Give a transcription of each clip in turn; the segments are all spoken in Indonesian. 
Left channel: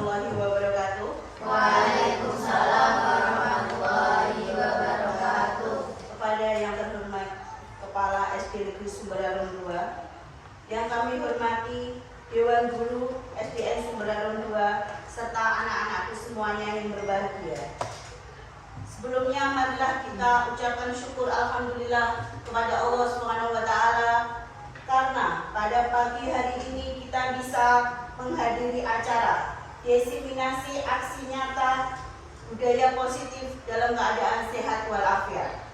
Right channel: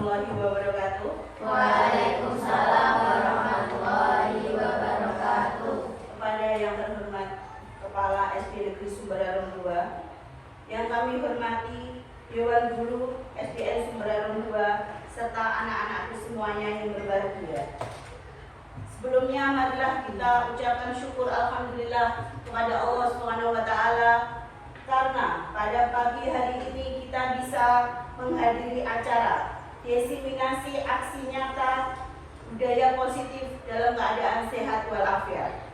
warahmatullahi wabarakatuh. Waalaikumsalam warahmatullahi wabarakatuh. Kepada yang terhormat Kepala SD Negeri Sumberarung 2, yang kami hormati Dewan Guru SDN Sumberarung 2 serta anak-anakku semuanya yang berbahagia. Sebelumnya marilah kita ucapkan syukur alhamdulillah kepada Allah SWT karena pada pagi hari ini kita bisa menghadiri acara diseminasi aksi nyata budaya positif dalam keadaan sehat walafiat.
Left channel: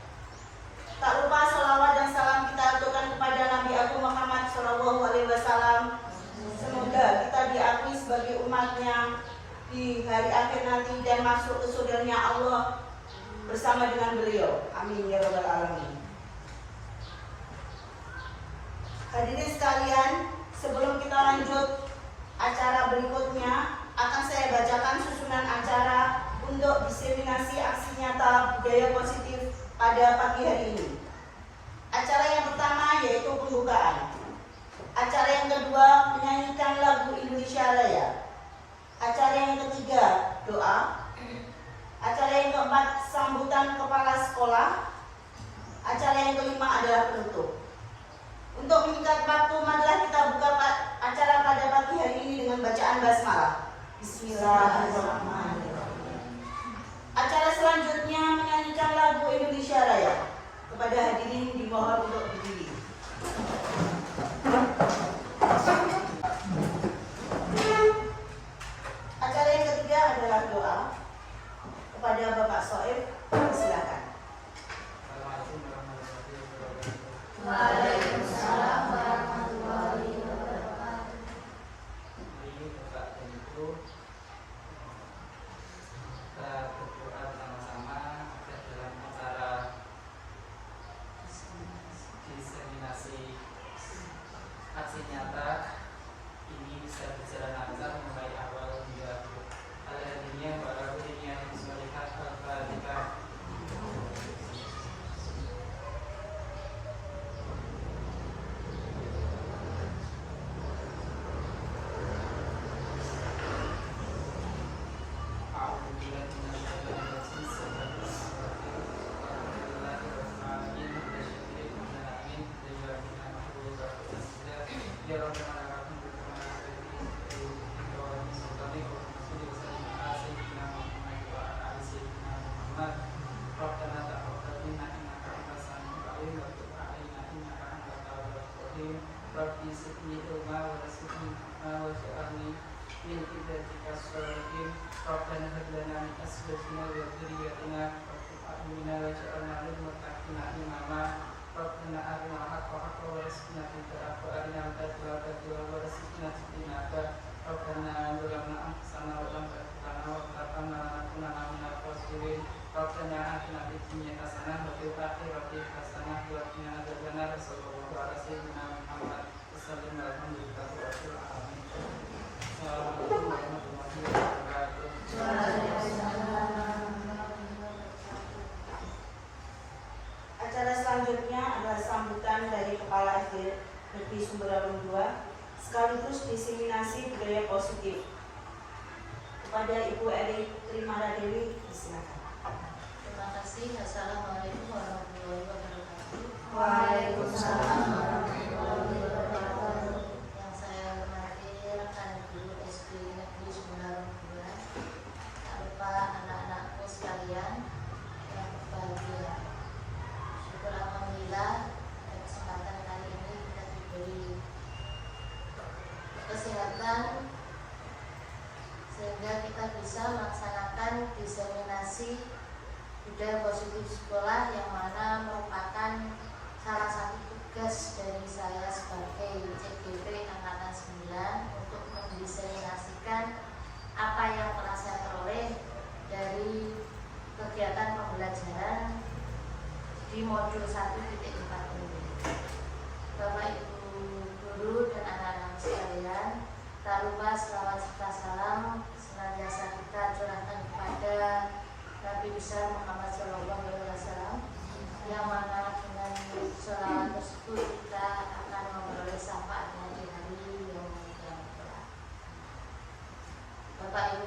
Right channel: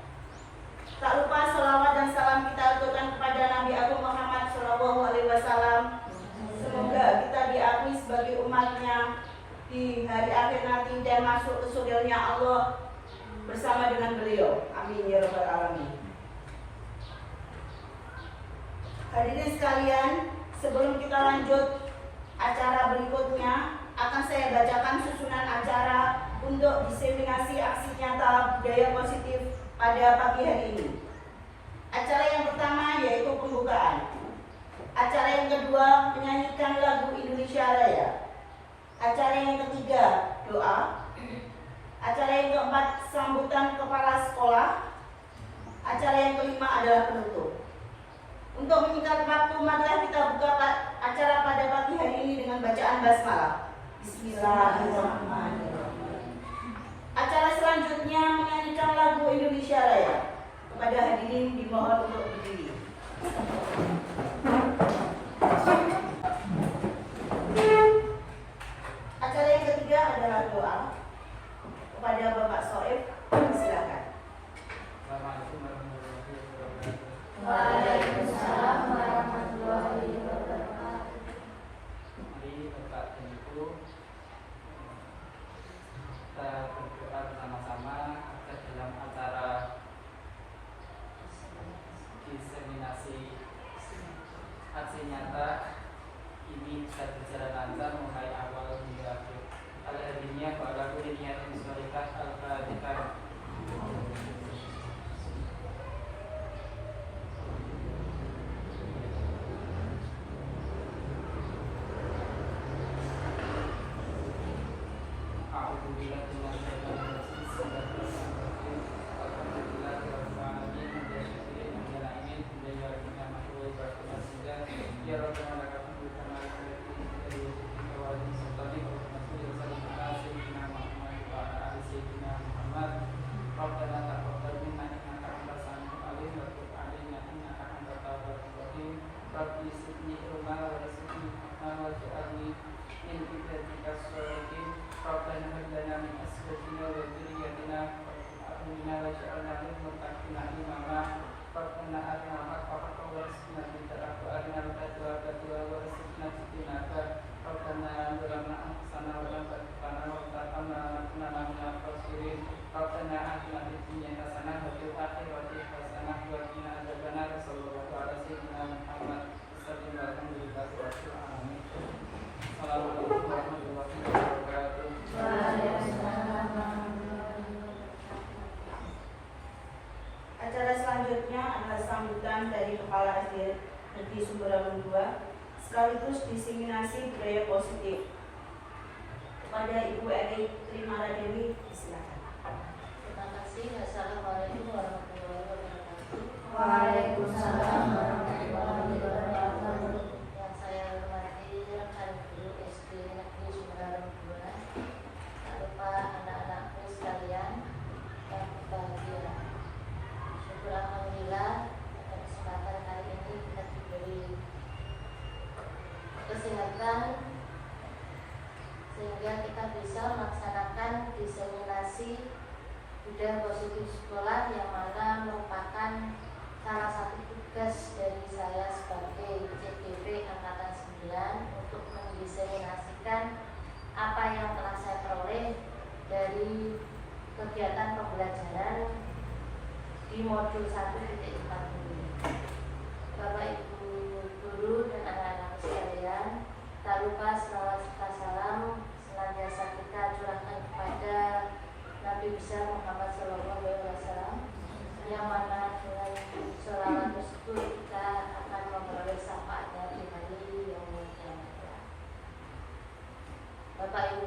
Tak lupa selawat dan salam kita aturkan kepada Nabi Agung Muhammad SAW. Semoga kita diakui sebagai umatnya di hari akhir nanti dan masuk ke surganya Allah bersama dengan beliau. Amin ya rabbal alamin. Hadirin sekalian, sebelum kita lanjut acara berikutnya, akan saya bacakan susunan acara untuk diseminasi aksi nyata budaya positif pada pagi hari ini. Acara yang pertama yaitu pembukaan. Acara yang kedua menyanyikan lagu Indonesia Raya. Acara yang ketiga doa. Acara yang keempat sambutan kepala sekolah. Acara yang kelima adalah penutup. Untuk menyingkat waktu, marilah kita buka acara pada pagi hari ini dengan bacaan basmalah. Bismillahirrahmanirrahim. Acara selanjutnya menyanyikan lagu Indonesia Raya. Kepada hadirin dimohon untuk berdiri. Acara yang ketiga adalah doa. Kepada Bapak Soeb, silakan. Waalaikumsalam warahmatullahi wabarakatuh. Kita berdoa bersama-sama dalam acara diseminasi aksi nyata ini bisa berjalan lancar mulai awal hingga akhir. Al-Hadiniyah wa al-Qur'aniyah Bismillah al-Fatihah. Rabbi sidni ilma wa rasidni hikmah wa ja'alni min ibadika sholihin. Rabbana hab lana min azwajina wa dhurriyyatina qurrata a'yunin waj'alna lil muttaqina imama. Rabbana arina al-haqqa haqqan warzuqna ittiba'ahu wa arina al-batila batila warzuqna ijtinaba. Rabbana zalamna anfusana wa lam taghfir lana wa tarhamna lanakunanna minal khasirin. Rabbana atina fid dunya hasanah wa fil akhirati hasanah wa qina adzabannar. Sallallahu alaihi wasallam Muhammad sallallahu alaihi wasallam. Assalamualaikum warahmatullahi wabarakatuh. Acara selanjutnya adalah sambutan dari Kepala SD Negeri Sumberarung 2 sekaligus diseminasi budaya positif. Kepada Ibu Eri Trimara Dewi, silakan. Terima kasih. Assalamualaikum warahmatullahi wabarakatuh. Waalaikumsalam warahmatullahi wabarakatuh. Yang saya hormati rekan guru SD Negeri Sumberarung 2, tak lupa anak-anakku sekalian yang berbahagia. Syukur alhamdulillah pada kesempatan kali ini kita diberi kesehatan sehingga kita bisa melaksanakan diseminasi budaya positif sekolah yang mana merupakan salah satu tugas dari saya sebagai CDP Angkatan 9 untuk mendiseminasikan apa yang telah saya peroleh dari kegiatan pembelajaran di modul 1.40. Bapak Ibu guru dan anak-anak sekalian, tak lupa selawat serta salam senantiasa kita curahkan kepada Nabi besar Muhammad SAW, yang mana dengan selawat tersebut kita akan memperoleh syafaatnya di hari yang mulia. Bapak Ibu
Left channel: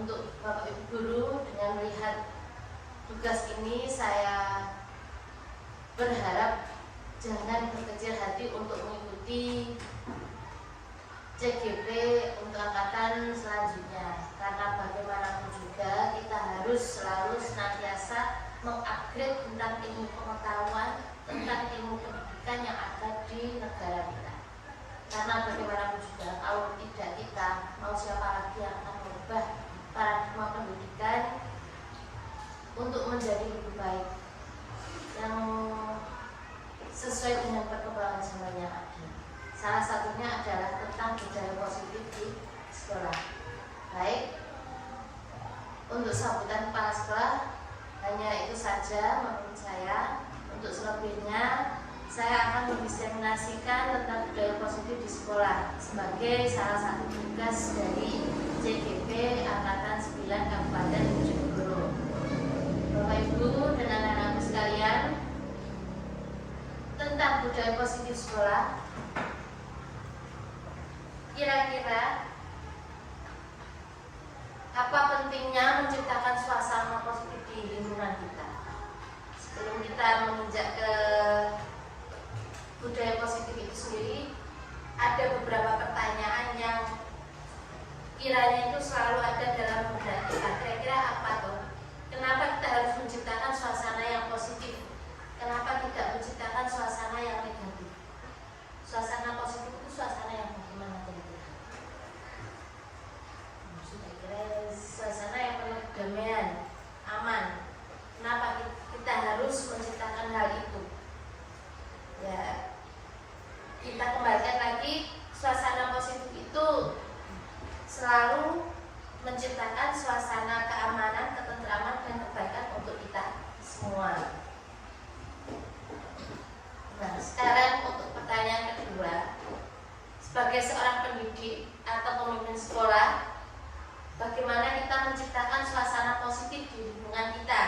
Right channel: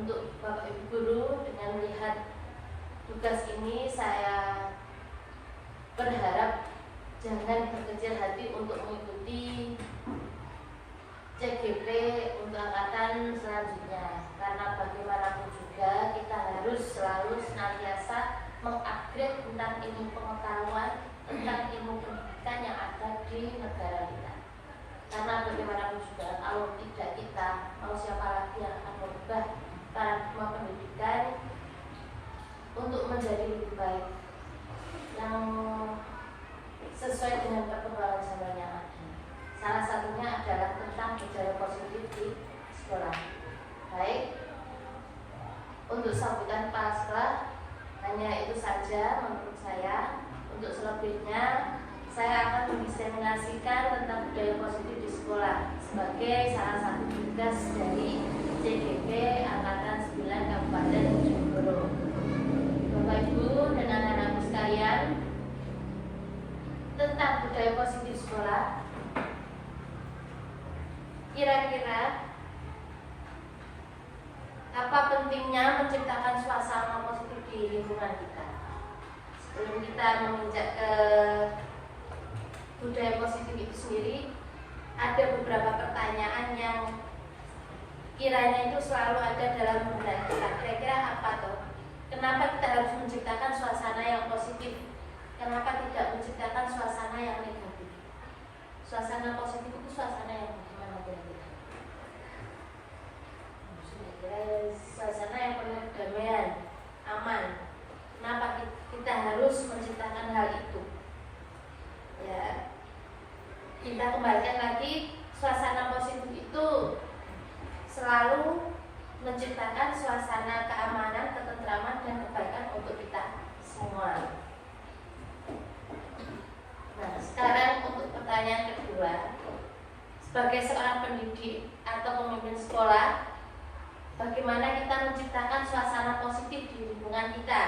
untuk Bapak Ibu Guru, dengan melihat tugas ini saya berharap jangan berkecil hati untuk mengikuti CGP untuk angkatan selanjutnya, karena bagaimanapun juga kita harus selalu senantiasa mengupgrade tentang ilmu pengetahuan, tentang ilmu pendidikan yang ada di negara kita. Karena bagaimanapun juga kalau tidak kita, mau siapa lagi yang akan merubah paradigma pendidikan untuk menjadi lebih baik yang sesuai dengan perkembangan zaman yang ada. Salah satunya adalah tentang budaya positif di sekolah. Baik, untuk sambutan kepala sekolah hanya itu saja menurut saya. Untuk selebihnya saya akan mendiseminasikan tentang budaya positif di sekolah sebagai salah satu tugas dari CGP Angkatan 9 Kabupaten Bojonegoro. Bapak Ibu dan anak-anakku sekalian, tentang budaya positif sekolah, kira-kira apa pentingnya menciptakan suasana positif di lingkungan kita? Sebelum kita menginjak ke budaya positif itu sendiri, ada beberapa pertanyaan yang kiranya itu selalu ada dalam benak kita. Kira-kira apa tuh? Kenapa kita harus menciptakan suasana yang positif? Kenapa tidak menciptakan suasana yang negatif? Suasana positif itu suasana yang bagaimana kira-kira? Kira-kira suasana yang penuh kedamaian, aman. Kenapa kita harus menciptakan hal itu? Ya, kita kembalikan lagi, suasana positif itu selalu menciptakan suasana keamanan, ketentraman, dan kebaikan untuk kita semua. Nah, sekarang untuk pertanyaan kedua, sebagai seorang pendidik atau pemimpin sekolah, bagaimana kita menciptakan suasana positif di lingkungan kita?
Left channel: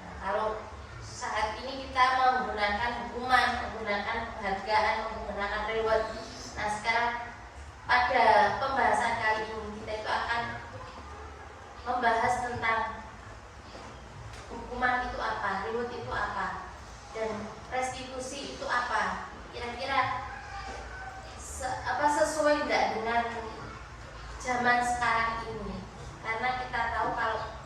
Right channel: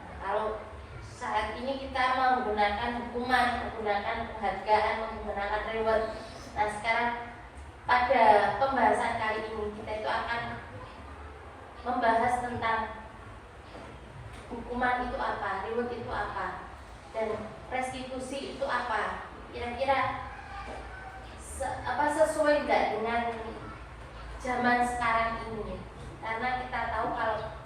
Nah, kalau saat ini kita menggunakan hukuman, menggunakan penghargaan, menggunakan reward. Nah, sekarang pada pembahasan kali ini kita itu akan membahas tentang hukuman itu apa, reward itu apa, dan restitusi itu apa. Kira-kira sesuai tidak dengan zaman sekarang ini? Karena kita tahu kalau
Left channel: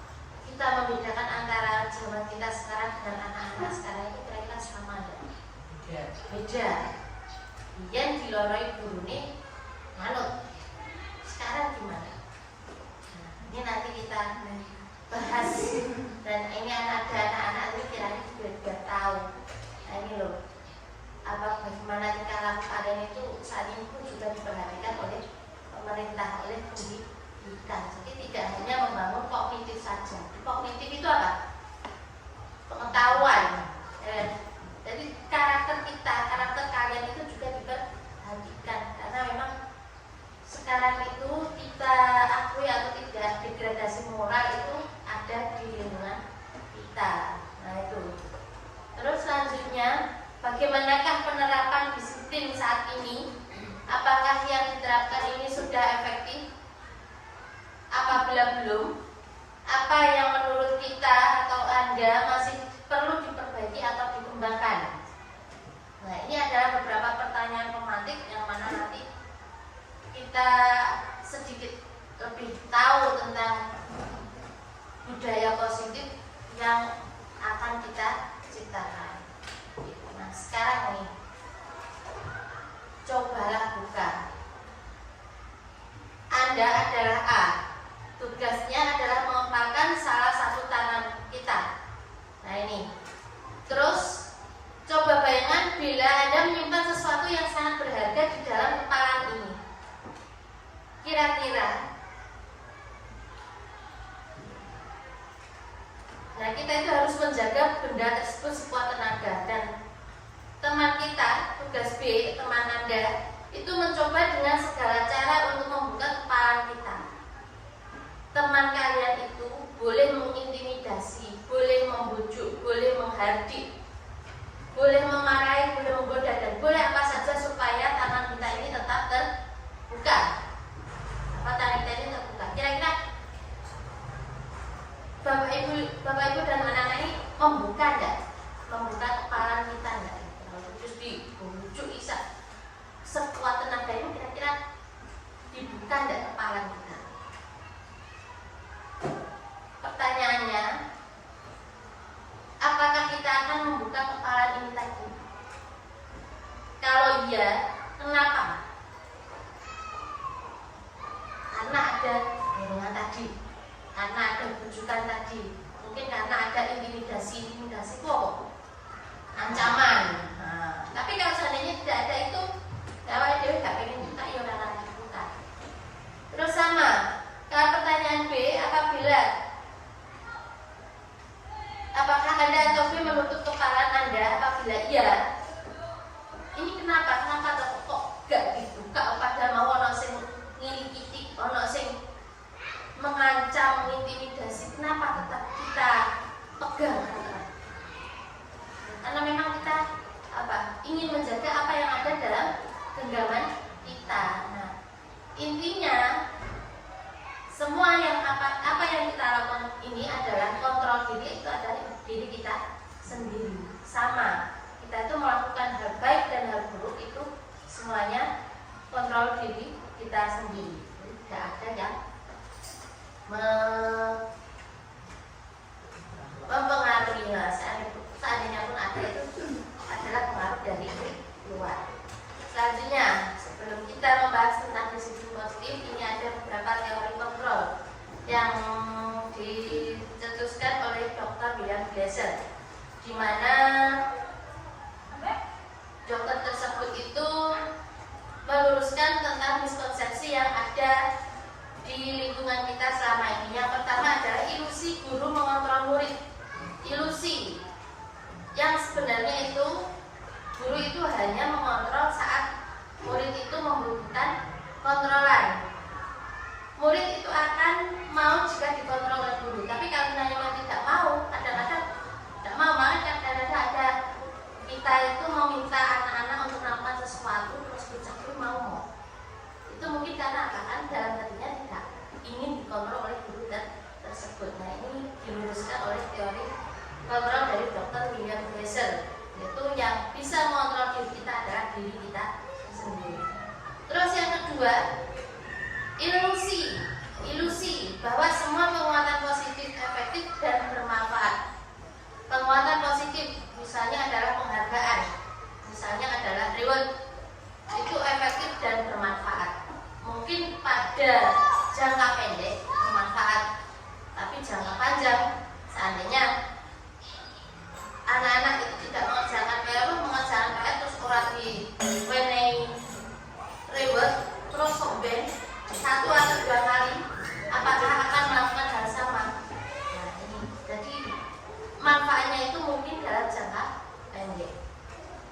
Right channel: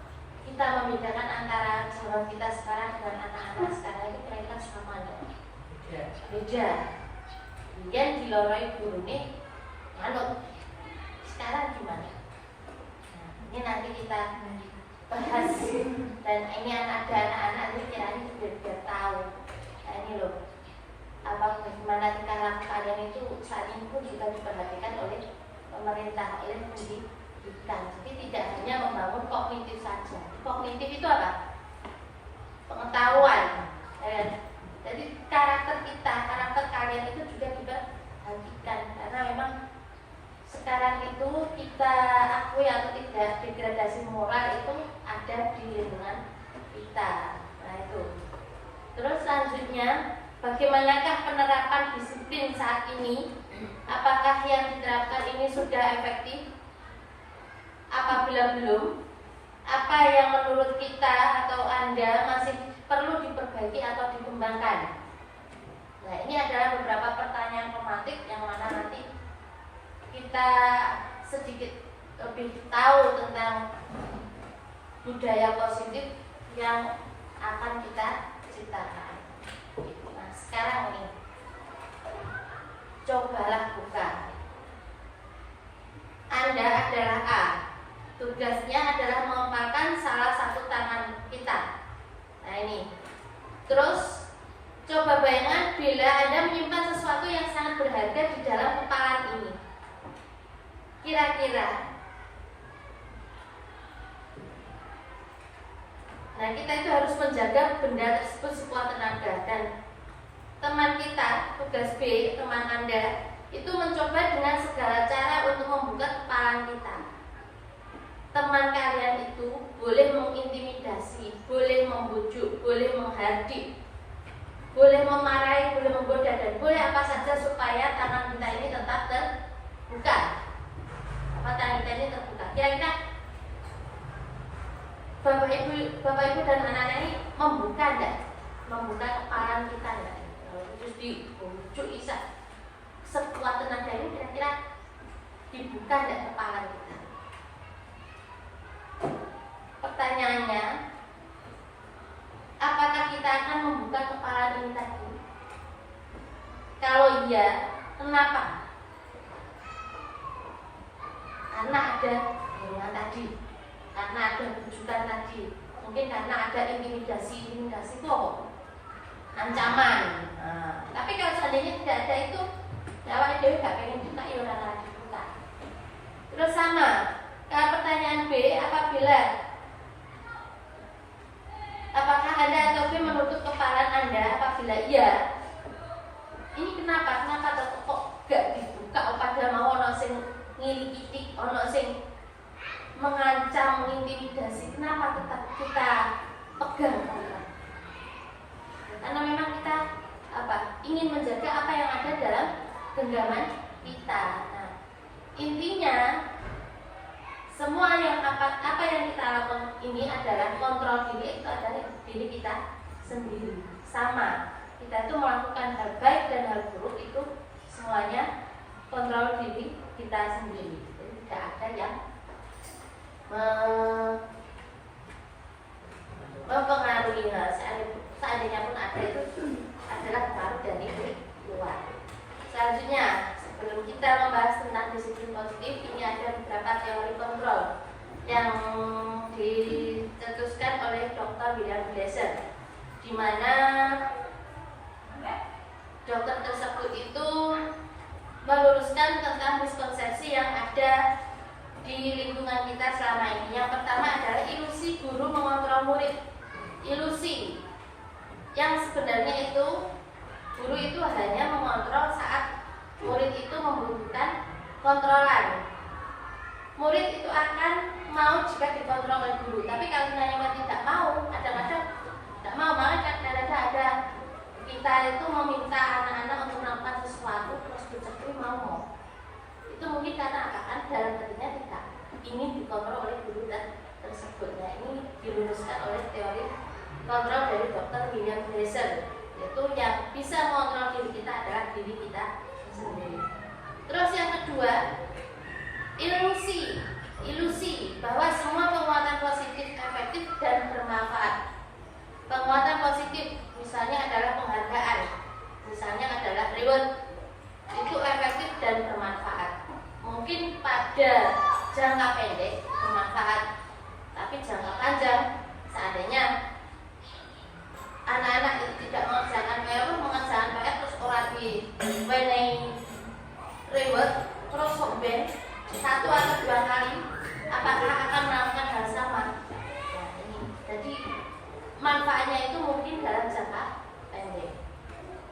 kita membedakan antara zaman kita sekarang dengan anak-anak sekarang itu kira-kira sama ada? Beda. Kemudian di loroi guru nih manut. Sekarang gimana? Nah, ini nanti kita bahas, dan ini ada anak-anak ini kiranya biar tahu. Nah, ini loh, apa bagaimana tingkah laku kalian itu saat ini pun juga diperhatikan oleh pemerintah, oleh pendidikan. Jadi tidak hanya membangun kognitif saja. Kognitif itu apa? Pengetahuan. Jadi karakter kita, karakter kalian itu juga diperhatikan, karena memang sekarang itu kita akui atau tidak, degradasi moral itu ada di lingkungan kita. Nah itu. Terus selanjutnya, bagaimanakah penerapan disiplin saat ini? Apakah yang diterapkan ini sudah efektif? Apabila belum, apa yang menurut kita atau Anda masih perlu diperbaiki atau dikembangkan? Nah, ini adalah beberapa pertanyaan pemantik yang mana nanti kita sedikit lebih tahu tentang budaya positif yang akan kita ciptakan. Nah, sekarang nih, cobalah buka. Anda adalah A. Tugasnya adalah mengepalkan salah satu tangan kita. Nah ini. Terus coba bayangkan bila Anda menyimpan sesuatu yang sangat berharga di dalam kepalan ini. Kira-kira, nah kita itu harus menjaga benda tersebut sekuat tenaga. Dan teman kita, tugas B, teman Anda, itu mencoba dengan segala cara untuk membuka kepalan kita. Teman kalian itu boleh mengintimidasi, boleh membujuk, boleh menghardik, boleh memarahi, boleh menggoda, dan boleh apa saja supaya tangan kita ini tetap terbuka. Apa tangan kita ini terbuka? Kira-kira Bapak Ibu dan anak-anak ini membuka enggak? Membuka kepala kita enggak? Terus dibujuk Isa sekuat tenaga itu kira-kira dibuka enggak kepala kita? Pertanyaannya, apakah kita akan membuka kepala ini tadi? Kalau iya, kenapa? Karena ada dorongan tadi, karena ada bujukan tadi, mungkin karena ada intimidasi itu apa? Ancaman. Nah, tapi kalau seandainya tidak ada itu, awalnya Dewi gak pengen buka, ya udah akan dibuka. Terus sama, kalau pertanyaan B, apakah Anda atau B menutup kepala Anda? Apabila iya, ini kenapa? Kenapa kok gak dibuka? Padahal mau ono sing ngilikitik, ono sing mengancam, mengintimidasi. Kenapa tetap kita pegang? Karena memang kita ingin menjaga apa yang ada dalam genggaman kita. Nah, intinya semua yang apa yang kita lakukan ini adalah kontrol diri, itu adalah diri kita sendiri. Sama, kita itu melakukan hal baik dan hal buruk itu semuanya kontrol diri kita sendiri. Jadi tidak ada yang mempengaruhi. Seandainya pun ada, itu adalah pengaruh dari luar. Selanjutnya, sebelum kita membahas tentang disiplin positif, ini ada beberapa teori kontrol yang dicetuskan oleh Dr. William Glasser, di mana dokter tersebut itu meluruskan tentang miskonsepsi yang ada di lingkungan kita selama ini. Yang pertama adalah ilusi guru mengontrol murid. Ilusi yang sebenarnya itu guru itu hanya mengontrol saat murid itu membutuhkan kontrolan. Murid itu akan mau jika dikontrol oleh guru, tapi kalau memang tidak mau, kadang-kadang tidak mau. Malah kadang-kadang ada kita itu meminta anak-anak untuk melakukan sesuatu terus bocah itu mau. Itu mungkin karena apa? Kan dalam hatinya tidak ingin dikontrol oleh guru tersebut. Nah, ini diluruskan oleh teori kontrol dari Dr. William Glasser, yaitu yang bisa mengontrol diri kita adalah diri kita sendiri. Terus yang kedua, ilusi bahwa semua penguatan positif efektif dan bermanfaat. Penguatan positif misalnya adalah penghargaan, misalnya adalah reward, itu efektif dan bermanfaat. Mungkin pada jangka pendek bermanfaat, tapi jangka panjang seandainya anak-anak itu tidak mengerjakan PR terus orang di reward terus sombeng 1 atau 2 kali, apakah akan melakukan hal sama? Nah, ini jadi manfaatnya itu mungkin dalam jangka pendek.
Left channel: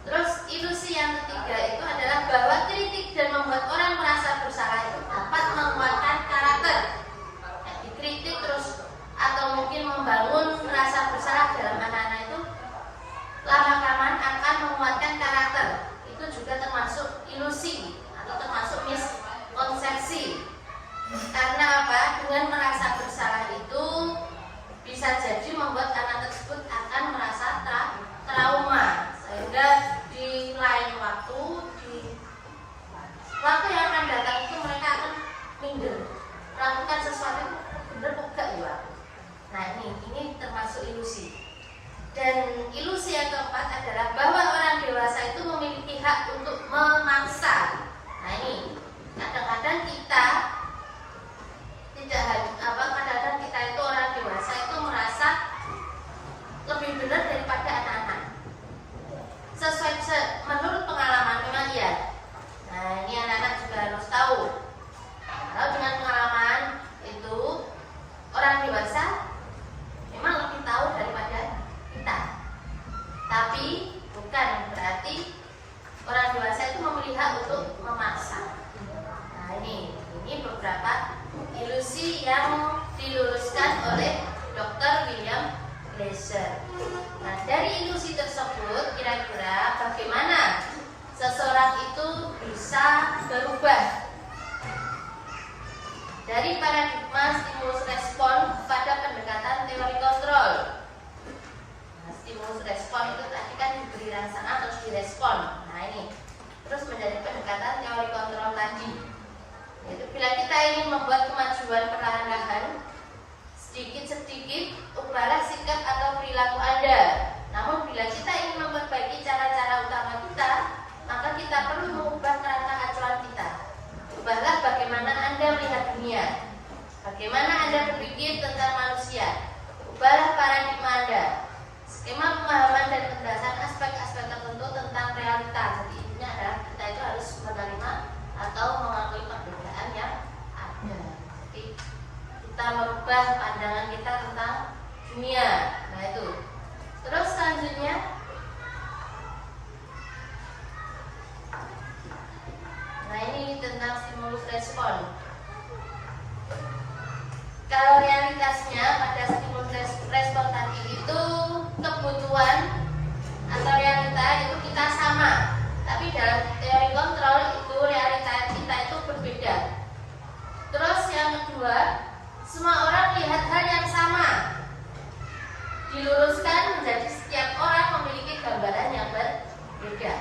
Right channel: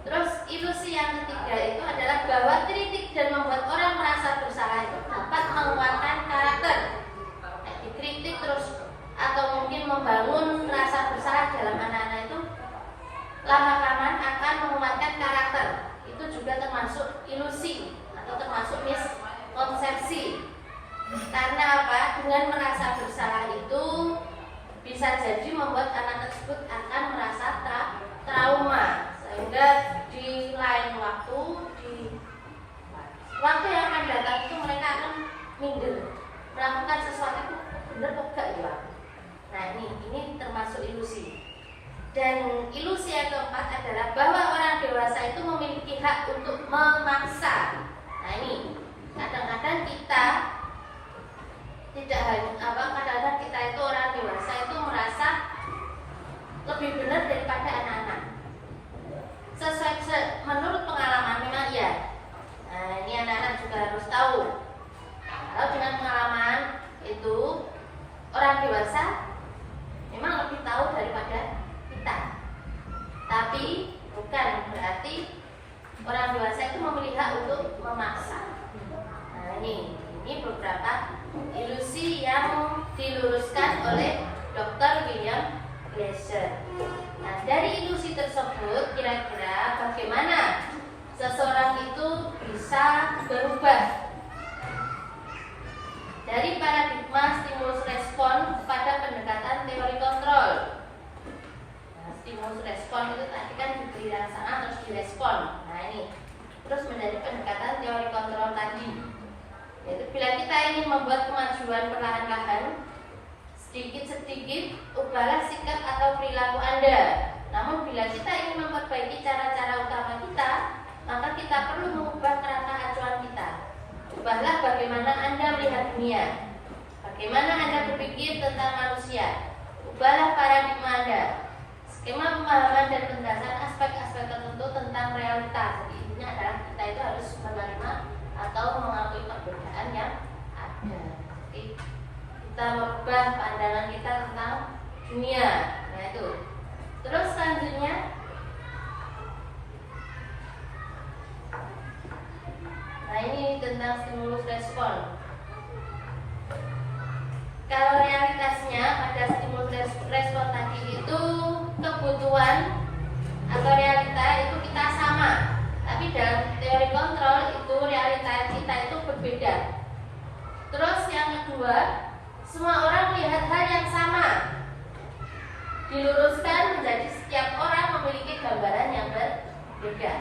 Terus ilusi yang ketiga itu adalah bahwa kritik dan membuat orang merasa bersalah itu dapat menguatkan karakter. Nah, dikritik terus atau mungkin membangun rasa bersalah dalam anak-anak itu lama-kelamaan akan menguatkan karakter. Itu juga termasuk ilusi atau termasuk miskonsepsi. Karena apa? Dengan merasa bersalah itu bisa jadi membuat anak tersebut akan merasa trauma, sehingga di lain waktu, di waktu yang akan datang itu mereka akan minder, melakukan sesuatu itu benar kok gak ya. Nah, ini termasuk ilusi. Dan ilusi yang keempat adalah bahwa orang dewasa itu memiliki hak untuk memaksa. Nah, ini kadang-kadang kita tidak kadang-kadang kita itu orang dewasa itu merasa lebih benar daripada anak-anak. Sesuai menurut pengalaman memang ya. Nah, ini anak-anak juga harus tahu. Kalau dengan pengalaman itu orang dewasa memang lebih tahu daripada kita. Tapi bukan berarti orang dewasa itu memiliki hak untuk memaksa. Nah, ini beberapa ilusi yang diluruskan oleh Dr. William Glasser. Nah, dari ilusi tersebut kira-kira bagaimana seseorang itu bisa berubah dari paradigma stimulus respon kepada pendekatan teori Nah ini, terus menjadi pendekatan teori kontrol tadi, yaitu bila kita ingin membuat kemajuan perlahan-lahan, sedikit-sedikit ubahlah sikap atau perilaku Anda. Namun bila kita ingin memperbaiki cara-cara utama kita, maka kita perlu mengubah kerangka acuan kita. Ubahlah bagaimana Anda melihat dunia, bagaimana Anda berpikir tentang manusia. Ubahlah paradigma Anda, skema pemahaman dan penjelasan aspek-aspek tertentu tentang realita. Jadi intinya adalah kita itu harus menerima atau mengakui perbedaan yang ada. Jadi kita merubah pandangan kita tentang dunia. Nah itu. Terus selanjutnya, nah ini tentang stimulus respon. Kalau realitasnya pada stimulus respon tadi itu kebutuhan atau realita itu kita sama, tapi dalam teori kontrol itu realita kita itu berbeda. Terus yang kedua, semua orang melihat hal yang sama, diluruskan menjadi setiap orang memiliki gambaran yang berbeda.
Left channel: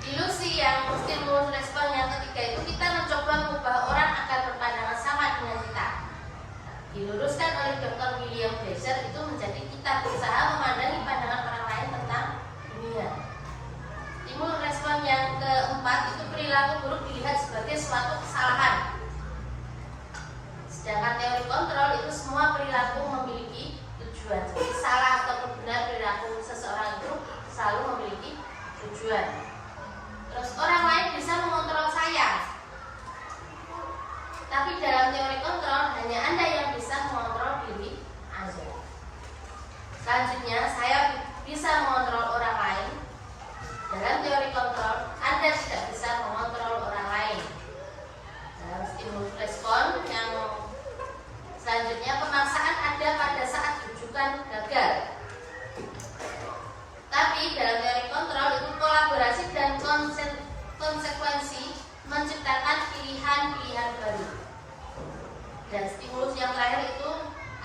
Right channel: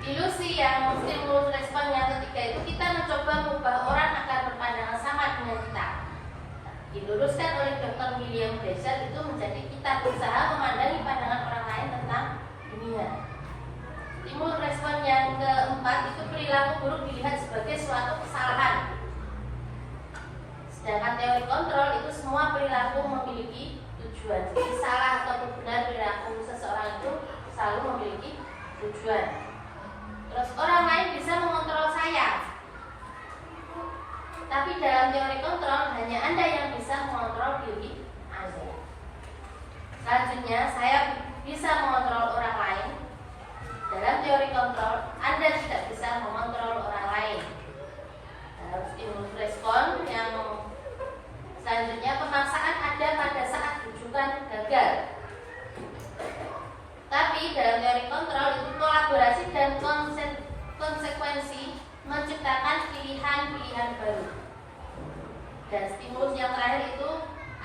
Ilusi yang stimulus respon yang ketiga itu kita mencoba mengubah orang akan berpandangan sama dengan kita. Diluruskan oleh Dr. William Blaser itu menjadi kita berusaha memandangi pandangan orang lain tentang dunia. Stimulus respon yang keempat itu perilaku buruk dilihat sebagai suatu kesalahan. Sedangkan teori kontrol itu semua perilaku memiliki tujuan. Jadi salah atau benar perilaku seseorang itu selalu memiliki tujuan. Terus orang lain bisa mengontrol saya, tapi dalam teori kontrol hanya Anda yang bisa mengontrol diri Anda. Selanjutnya, saya bisa mengontrol orang lain. Dalam teori kontrol, Anda tidak bisa mengontrol orang lain. Dalam stimulus respon yang selanjutnya, pemaksaan ada pada saat rujukan gagal. Tapi dalam teori kontrol itu kolaborasi dan konsekuensi menciptakan pilihan-pilihan baru. Dan stimulus yang terakhir itu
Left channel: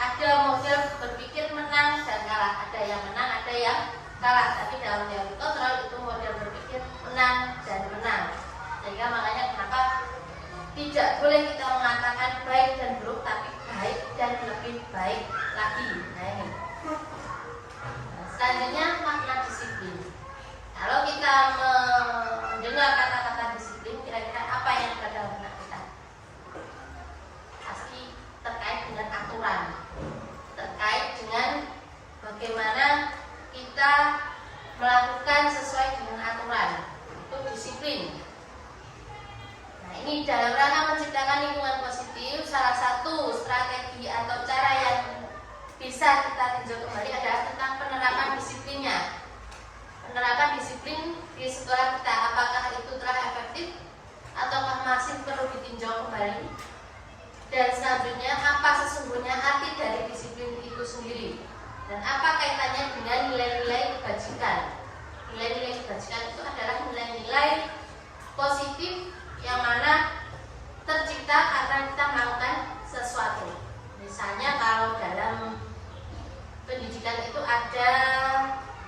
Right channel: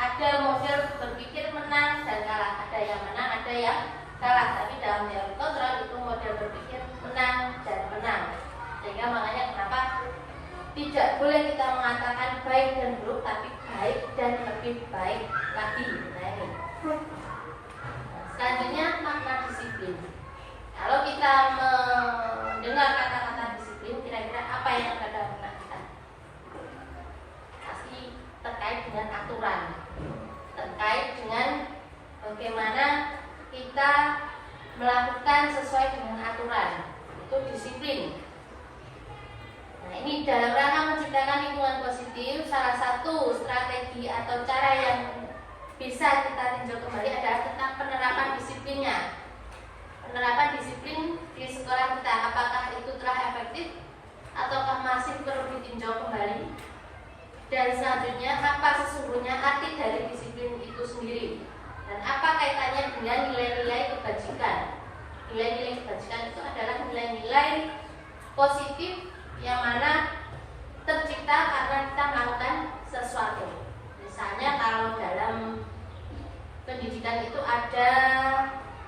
ada model berpikir menang dan kalah. Ada yang menang, ada yang kalah. Tapi dalam teori kontrol itu model berpikir menang dan menang. Sehingga makanya kenapa tidak boleh kita mengatakan baik dan buruk, tapi baik dan lebih baik lagi. Nah ini. Selanjutnya makna disiplin. Kalau kita mendengar kata-kata disiplin, kira-kira apa yang ada dalam benak kita? Pasti terkait dengan aturan, terkait dengan bagaimana kita melakukan sesuai dengan aturan. Itu disiplin. Nah ini dalam rangka menciptakan lingkungan positif, salah satu strategi atau cara yang bisa kita tinjau kembali adalah tentang penerapan disiplinnya. Penerapan disiplin di sekolah kita, apakah itu telah efektif ataukah masih perlu ditinjau kembali? Dan selanjutnya, apa sesungguhnya arti dari disiplin itu sendiri? Dan apa kaitannya dengan nilai-nilai kebajikan? Nilai-nilai kebajikan itu adalah nilai-nilai positif yang mana tercipta karena kita melakukan sesuatu. Misalnya kalau dalam pendidikan itu ada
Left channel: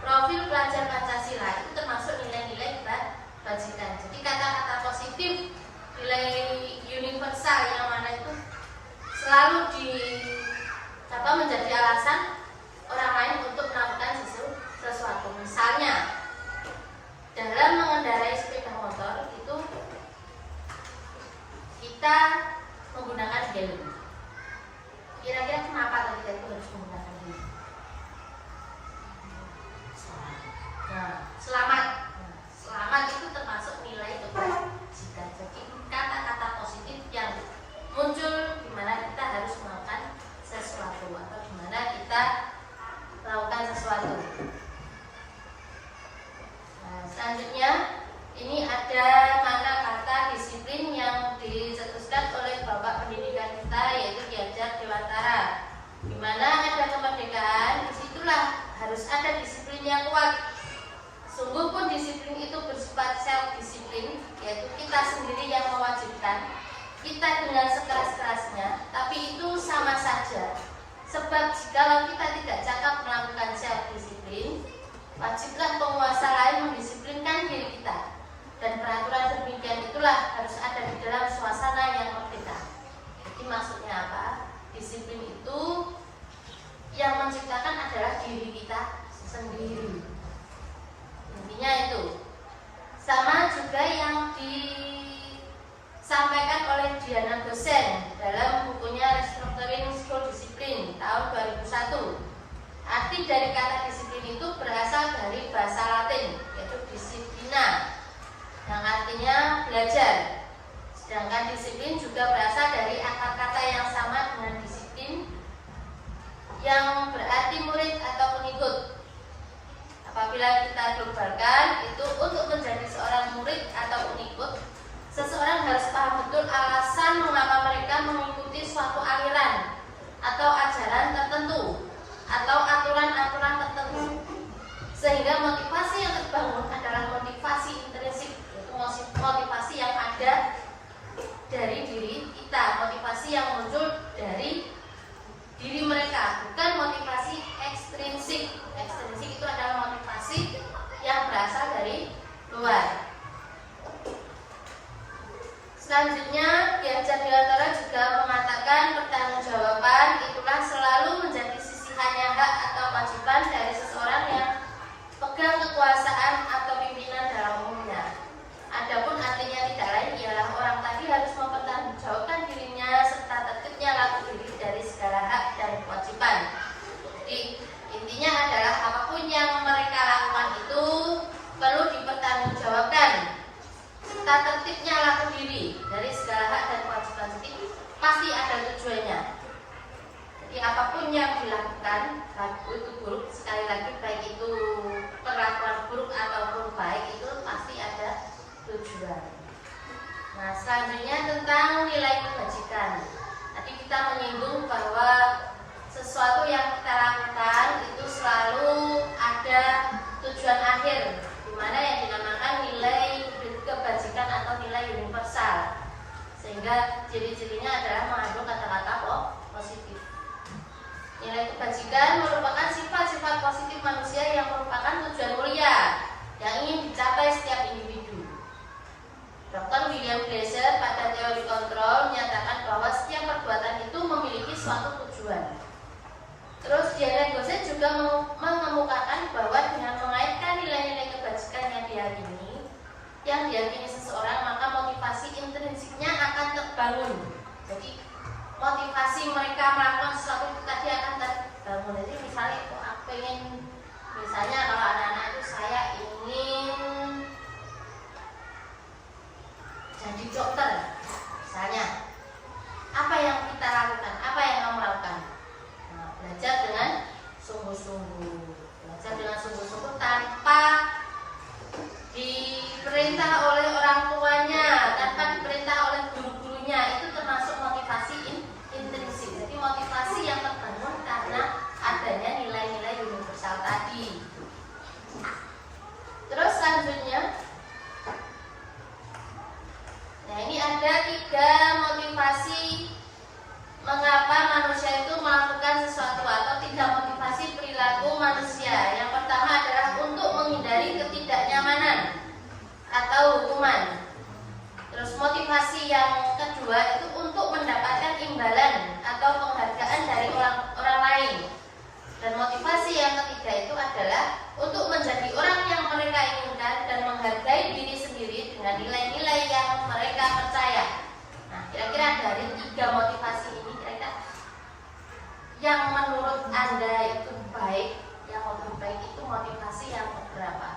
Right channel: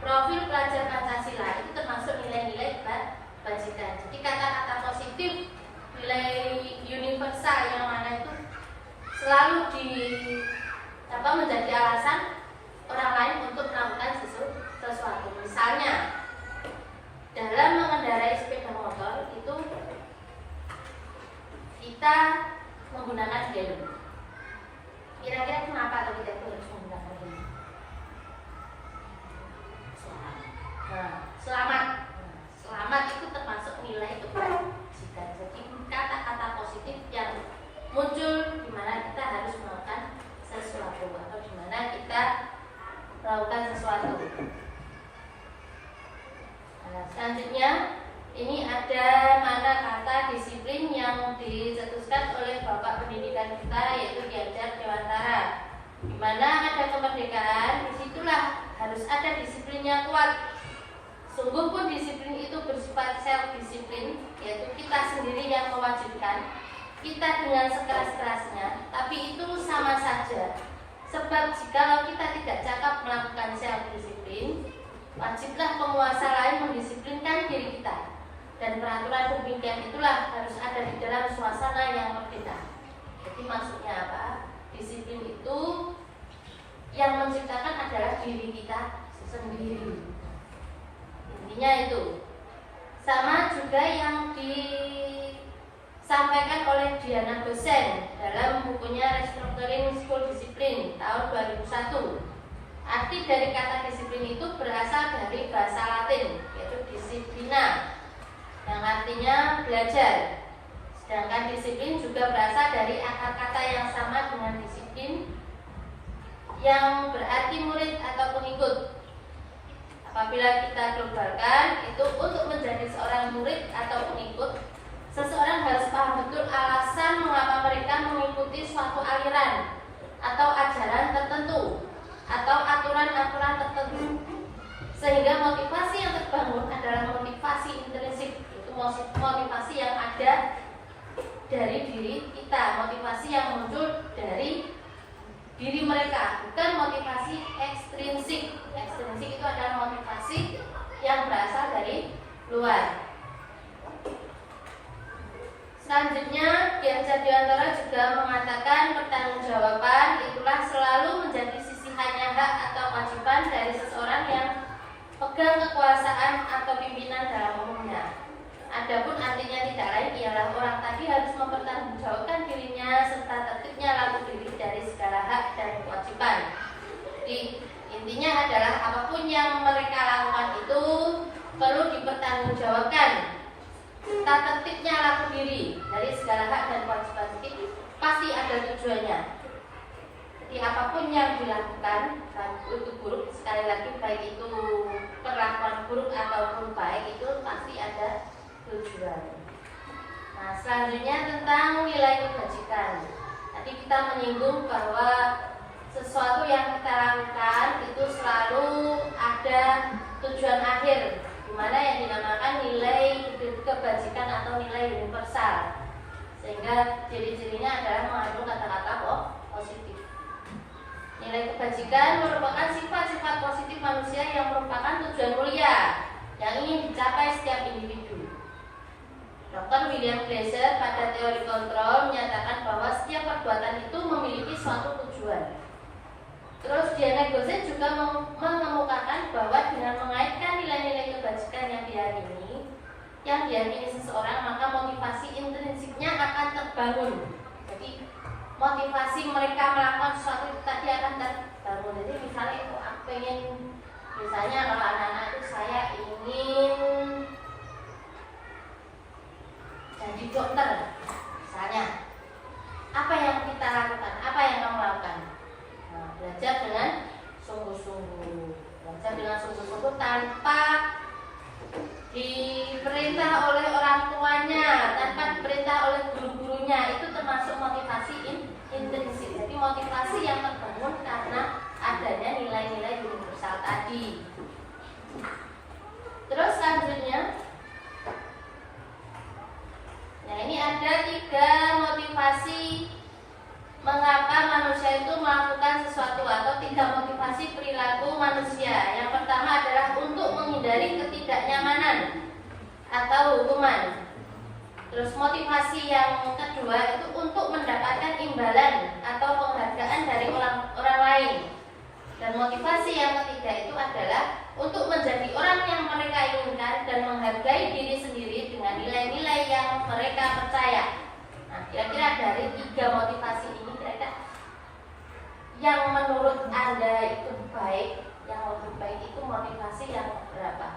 profil pelajar Pancasila, itu termasuk nilai-nilai kebajikan. Jadi kata-kata positif, nilai universal yang mana itu selalu menjadi alasan orang lain untuk melakukan sesuatu. Misalnya dalam mengendarai sepeda motor itu kita menggunakan helm. Kira-kira kenapa kita itu harus menggunakan helm? Selamat itu termasuk nilai kebajikan. Jadi kata-kata positif yang muncul di mana kita harus melakukan sesuatu atau di mana kita melakukan sesuatu. Selanjutnya ini ada mana kata disiplin yang dicetuskan oleh Bapak Pendidikan kita, yaitu Ki Hajar Dewantara. Di mana ada kemerdekaan, disitulah harus ada disiplin yang kuat. Sungguh pun disiplin itu bersifat self-disiplin, yaitu kita sendiri yang mewajibkan kita dengan sekeras-kerasnya, tapi itu sama saja. Sebab jikalau kita tidak cakap melakukan self-disiplin, Wajiblah penguasa lain mendisiplinkan diri kita, dan peraturan demikian itulah harus ada di dalam suasana yang merdeka. Jadi maksudnya apa? Disiplin itu yang menciptakan adalah diri kita sendiri. Intinya itu. Sama juga yang disampaikan oleh Diana Gosen dalam bukunya Restructuring School Discipline tahun 2001. Arti dari kata disiplin itu berasal dari bahasa Latin, yaitu disciplina, yang artinya belajar. Sedangkan disiplin juga berasal dari akar kata yang sama dengan disiplin, yang berarti murid atau pengikut. Apabila kita globalkan, itu untuk menjadi seorang murid atau pengikut, seseorang harus paham betul alasan mengapa mereka mengikuti suatu aliran atau ajaran tertentu atau aturan-aturan tertentu, sehingga motivasi yang terbangun adalah motivasi intrinsik, yaitu motivasi yang ada dari diri kita, motivasi yang muncul dari diri mereka, bukan motivasi ekstrinsik. Ekstrinsik itu adalah motivasi yang berasal dari luar. Selanjutnya, Ki Hajar Dewantara juga mengatakan pertanggungjawaban itulah selalu menjadi sisihannya hak atau kewajiban dari seseorang yang pegang kekuasaan atau pimpinan dalam umumnya. Adapun artinya tidak lain ialah orang tadi harus mempertanggungjawabkan dirinya serta tertibnya laku diri dari segala hak dan kewajiban. Jadi intinya adalah apapun yang mereka lakukan itu perlu dipertanggungjawabkan. Tata tertibnya laku diri dari segala hak dan kewajiban itu pasti ada tujuannya. Jadi apapun yang dilakukan, baik itu buruk, sekali lagi baik itu perlakuan buruk ataupun baik, itu pasti ada tujuan. Nah, selanjutnya tentang nilai kebajikan. Tadi kita menyinggung bahwa sesuatu yang kita lakukan itu selalu ada tujuan akhir, di mana yang dinamakan nilai kebajikan atau nilai universal. Sehingga ciri-cirinya adalah mengandung kata-kata positif. Nilai kebajikan merupakan sifat-sifat positif manusia yang merupakan tujuan mulia yang ingin dicapai setiap individu. Dr. William Glasser pada teori kontrol menyatakan bahwa setiap perbuatan itu memiliki suatu tujuan. Terus Diana Gosen juga mengemukakan bahwa dengan mengaitkan nilai-nilai kebajikan yang diyakini seseorang, maka motivasi intrinsiknya akan terbangun. Jadi motivasi mereka melakukan sesuatu itu tadi akan terbangun. Jadi misalnya aku pengen, misalnya kalau anak-anak itu saya ingin jadi dokter, misalnya, apa yang kita lakukan? Apa yang kamu lakukan? Nah, belajar dengan sungguh-sungguh, tanpa diperintah oleh orang tuanya, tanpa diperintah oleh guru-gurunya. Itu termasuk motivasi intrinsik. Jadi motivasi yang terbangun karena adanya nilai-nilai universal tadi. Terus selanjutnya, nah ini ada 3 motivasi mengapa manusia itu melakukan sesuatu, atau 3 motivasi perilaku manusia. Yang pertama adalah untuk menghindari ketidaknyamanan atau hukuman. Terus motivasi yang kedua itu untuk mendapatkan imbalan atau penghargaan dari orang lain. Dan motivasi yang ketiga itu adalah untuk menjadi orang yang mereka inginkan dan menghargai diri sendiri dengan nilai-nilai yang mereka percaya. Nah, kira-kira dari 3 motivasi ini, kira-kira yang menurut Anda itu baik, yang lebih baik itu motivasi yang berapa?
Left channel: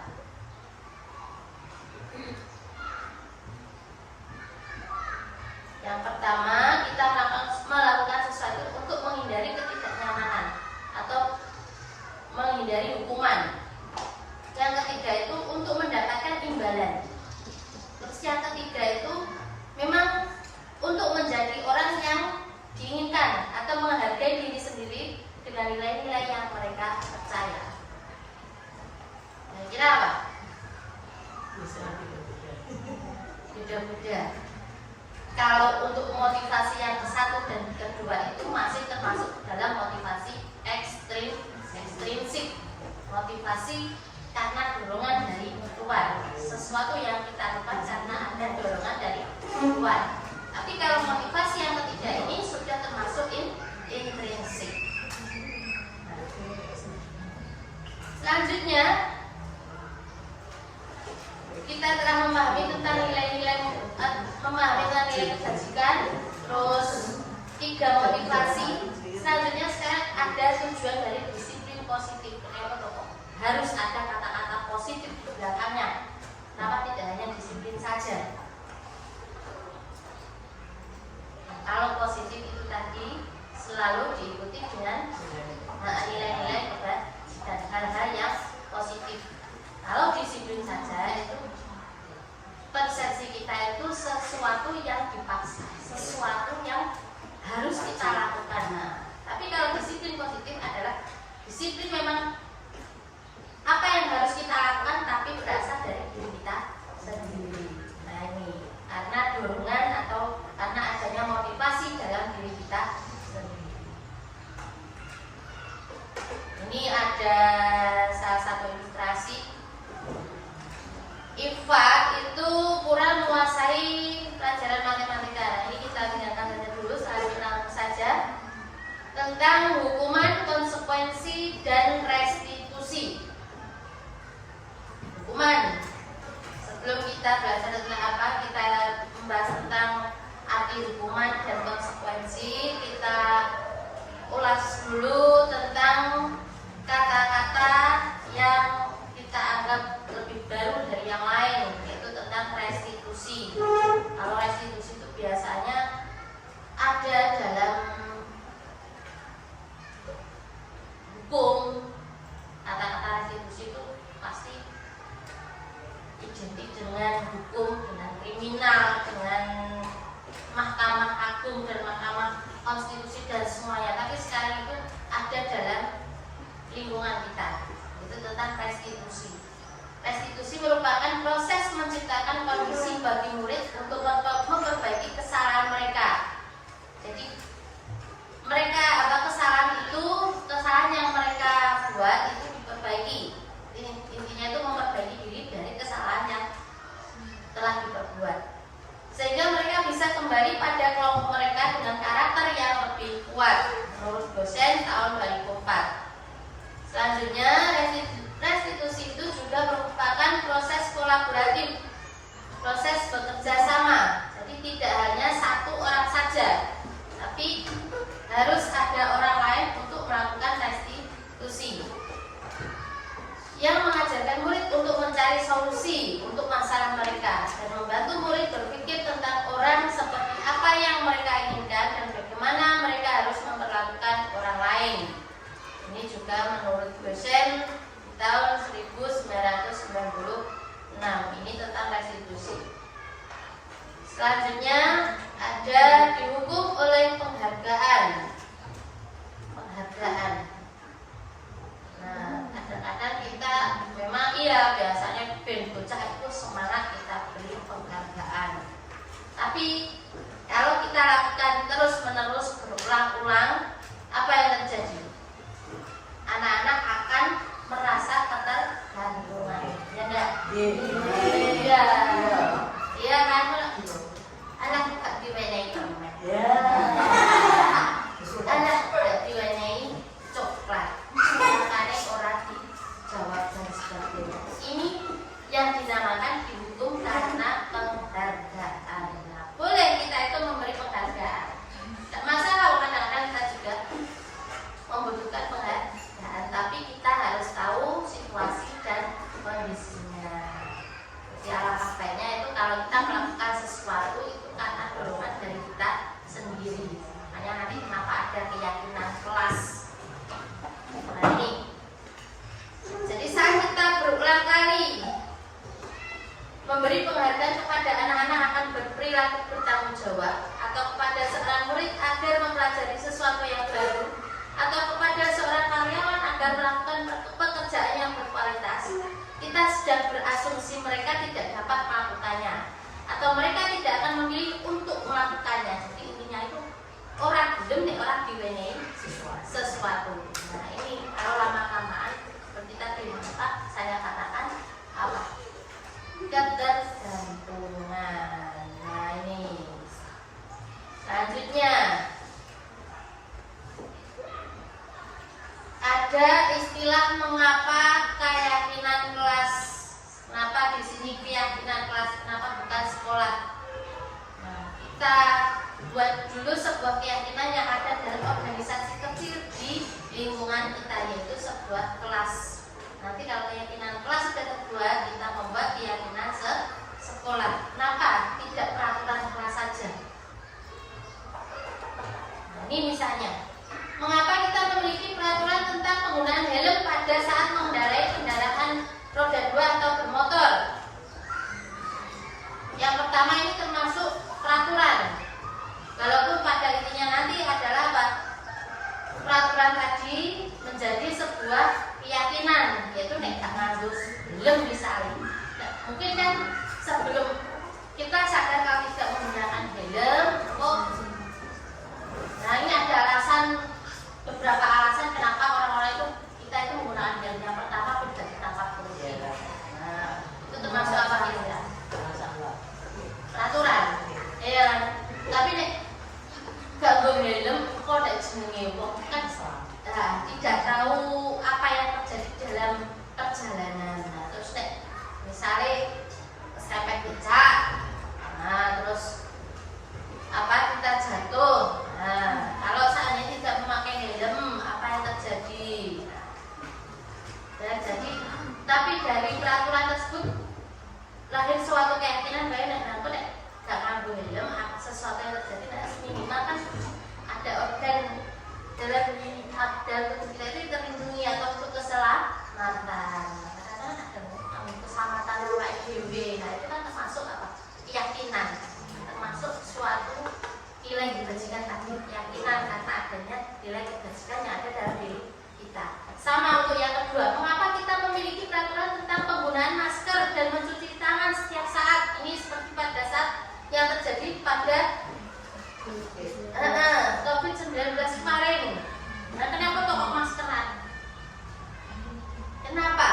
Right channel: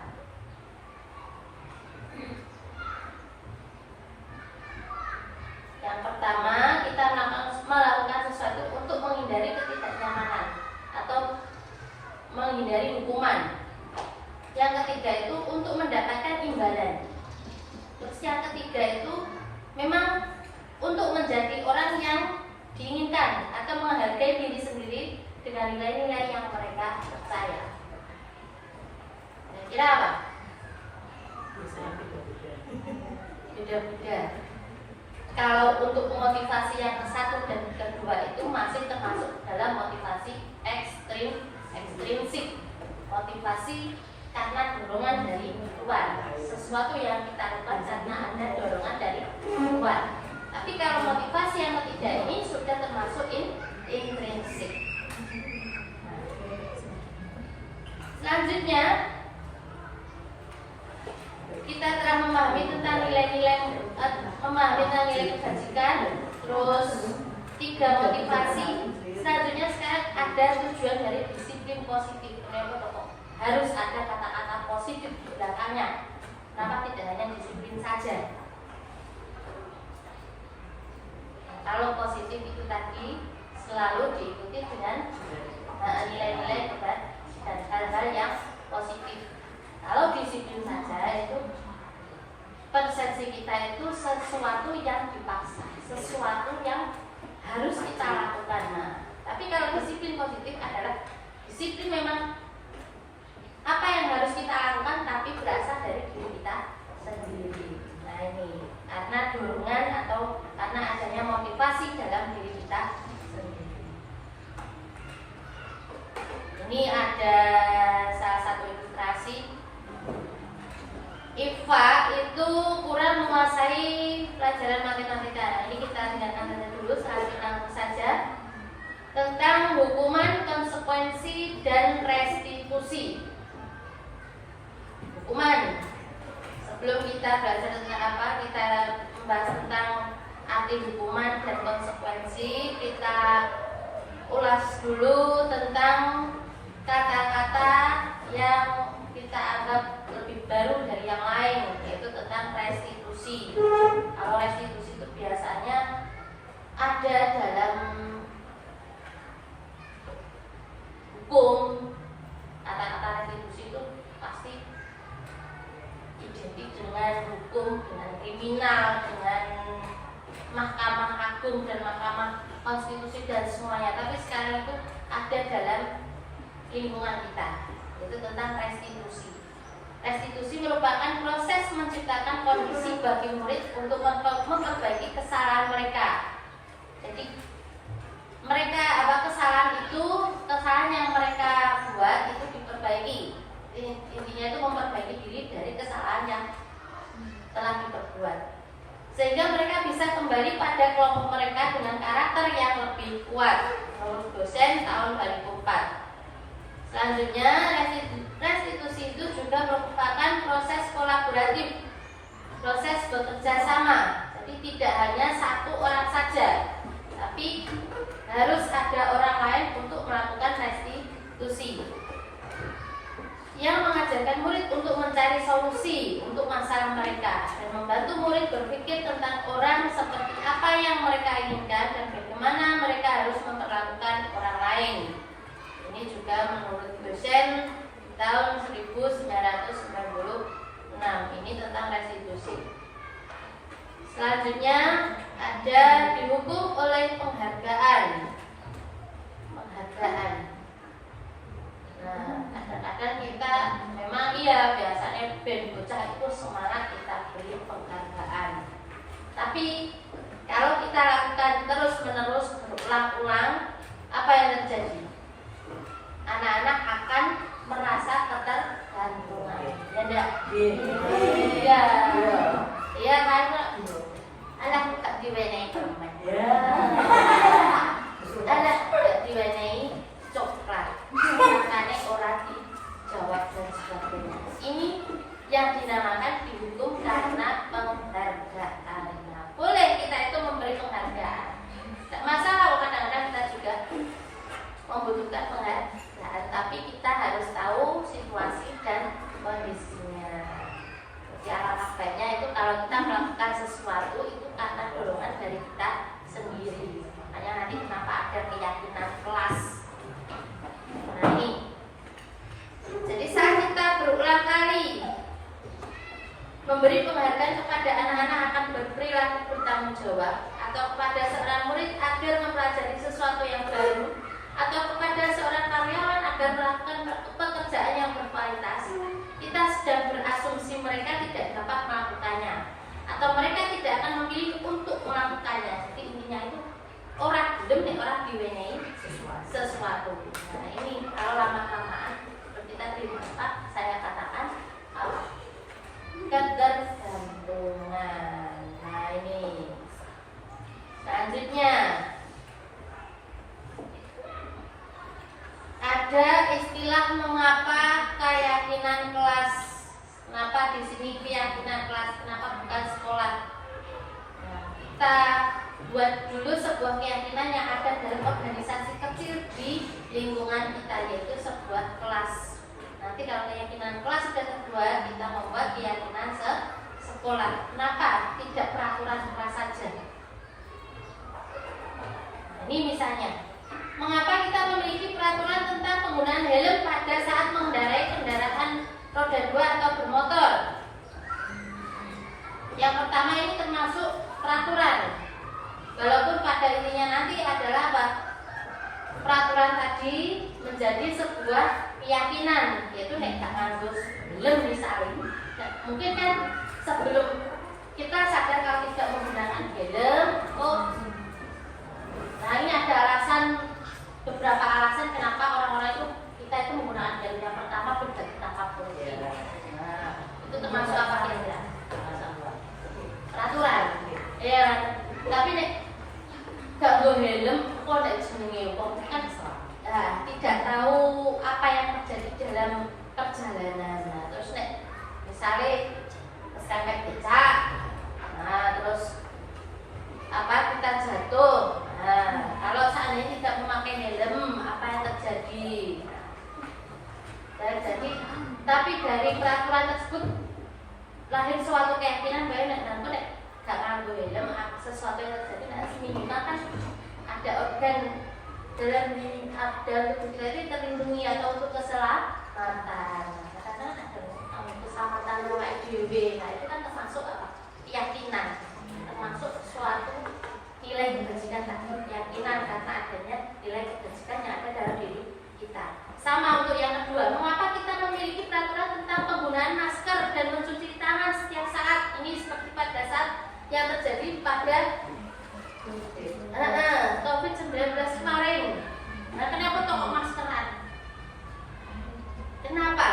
Yang pertama, kita melakukan sesuatu untuk menghindari ketidaknyamanan atau menghindari hukuman. Yang ketiga itu untuk mendapatkan imbalan. Terus yang ketiga itu memang untuk menjadi orang yang diinginkan atau menghargai diri sendiri dengan nilai-nilai yang mereka percaya. Kira apa? Beda-beda. Kalau untuk motivasi yang ke-1 dan ke-2 itu masih termasuk dalam motivasi ekstrinsik. Motivasi karena dorongan dari luar. Sesuatu yang kita lakukan karena ada dorongan dari luar. Tapi kalau motivasi yang ketiga ini sudah termasuk intrinsik. Selanjutnya kita telah memahami tentang nilai-nilai kebajikan, terus 3 motivasi. Selanjutnya sekarang ada tujuan dari disiplin positif. Harus ada kata-kata positif di belakangnya. Kenapa tidak hanya disiplin saja? Nah, kalau positif itu tadi selalu diikuti dengan nilai-nilai kebajikan, hal-hal yang positif. Kalau disiplin saja itu persepsi kita itu sesuatu yang dipaksa, sesuatu yang harus kita lakukan. Nah, tapi kalau disiplin positif adalah disiplin memang apa yang harus kita lakukan tapi berasal dari diri kita sendiri. Nah ini karena dorongan atau karena adanya motivasi dalam diri kita sendiri. Ini ada salah satu ilustrasi. Iva itu kurang menguasai pelajaran matematika. Ini kita dengarkan dulu, selanjutnya saja tentang hukuman, konsekuensi, dan restitusi. Hukuman. Sebelum kita belajar tentang apa, kita membahas tentang arti hukuman dan konsekuensi. Kita ulas dulu tentang kata-kata yang kita anggap lebih baru dari yang lain, yaitu tentang restitusi. Kalau restitusi itu biasanya ada dalam hukum. Kata-kata restitusi itu pasti identik dengan hukum, dengan kriminal, dengan mahkamah agung dan mahkamah konstitusi dan semuanya. Tapi sekarang itu ada dalam lingkungan kita, itu tentang restitusi. Restitusi merupakan proses menciptakan kondisi bagi murid untuk memperbaiki kesalahan mereka. Jadi mereka kesalahan yang mereka buat itu diperbaiki. Intinya itu memperbaiki diri dari kesalahan yang telah diperbuat, sehingga mereka bisa kembali pada kelompok mereka dengan karakter yang lebih kuat, menurut dosen tahun 2004. Selanjutnya, restitusi itu juga merupakan proses kolaboratif, proses bekerja sama. Jadi tidak hanya satu orang saja, tapi harus ada orang lain untuk melakukan restitusi, yang mengajarkan murid untuk mencari solusi untuk masalah mereka dan membantu murid berpikir tentang orang seperti apa yang mereka inginkan dan bagaimana mereka harus memperlakukan orang lain. Ini juga menurut dosen tahun 1996. Ini tentang restitusi. Selanjutnya ada dihukum oleh penghargaan. Nah, kadang-kadang kita memang biasanya ben bocah itu semangat kita beri penghargaan. Tapi kalau kita lakukan terus-menerus berulang-ulang, apa yang terjadi? Anak-anak akan merasa ketergantungan. Ya enggak? Iya. Iya karena anak tak diwenehi permen. Anak tak diwenehi coklat. Makanya orang dijawab dan sebagainya. Ini yang dinamakan dihukum karena penghargaan. Nah, boleh kita itu memberi penghargaan. Tak masalah, kadang-kadang kita juga membutuhkan penghargaan, tapi kita harus tahu situasi dan kondisinya. Jadi alangkah baiknya itu kalau kita melakukan sesuatu itu karena dorongan dari kita sendiri. Makanya nanti kenapa ada keyakinan kelas. Nah ini. Jadi saat kita berulang kali memberi penghargaan kepada anak-anak akan berperilaku bertanggung jawab, atau kepada seorang murid agar mempelajari sesuatu yang baru, atau kepada seorang karyawan agar melakukan pekerjaan yang berkualitas, kita sedang berasumsi mereka tidak dapat melakukannya, atau mereka tidak akan memilih untuk melakukannya. Jadi intinya itu orang gelem nih, orang diwenehi sesuatu. Nah ini kalau lama-lamaan seperti tadi Pak saya katakan ketergantungan. Nah ini selanjutnya ada istilah mengapa keyakinan kelas. Kenapa di sini keyakinan kelas? Kenapa bukan sekolah? Nah, kita buat dulu sebuah keyakinan yang ada dalam organisasi kecil di lingkungan kita, yaitu sebuah kelas. Nanti kalau keyakinan kelas sudah terbuat, kita membuat keyakinan sekolah. Kenapa? Tidak peraturan saja. Nah, ini misalnya, mengapa kita memiliki peraturan tentang penggunaan helm pada saat mengendarai kendaraan roda 2 atau bermotor? Yang pertama ini termasuk peraturan. Walaupun pada intinya nanti adalah apa? Peraturan tadi menjadi sebuah keyakinan, yaitu nek gak nganggo helm misalnya. Nah, mungkin kan sebelum kita sadar kalau tidak menggunakan helm, nah ini ada alasan, beberapa alasan kenapa orang-orang itu kita itu menggunakan helm. Yang pertama tidak ditangkap polisi. Nah, itu termasuk apa ya? Peraturan. Ya, tapi nek gak nggo helm kok nek jenenge wong kan tidak tahu apa yang terjadi dalam perjalanan. Nah, terus nek misalnya keserempet becak, nah terus apa kita jatuh. Nah, kalau seandainya tidak memakai helm, apa yang terjadi? Dan jadi, tapi dari peraturan tersebut lahir suatu keyakinan bahwa nek gak nganggo helm, sesuatu yang terjadi nanti minimal kan ada organ dalam tubuh kita itu terlindungi atau untuk keselamatan. Kadang-kadang ada keselamatan orang IDW. Nah itu kan termasuk apa? Keyakinan, termasuk suatu nilai kebajikan tadi, keyakinan karena adanya nilai kebajikan yang ada dalam diri kita. Sama untuk yang kedua, mengapa kita memiliki peraturan tentang penggunaan masker dan mencuci tangan setiap saat? Ini seperti pada saat yang terjadi pada COVID-19 kemarin. Nah, kenapa kok maskeran? Kenapa?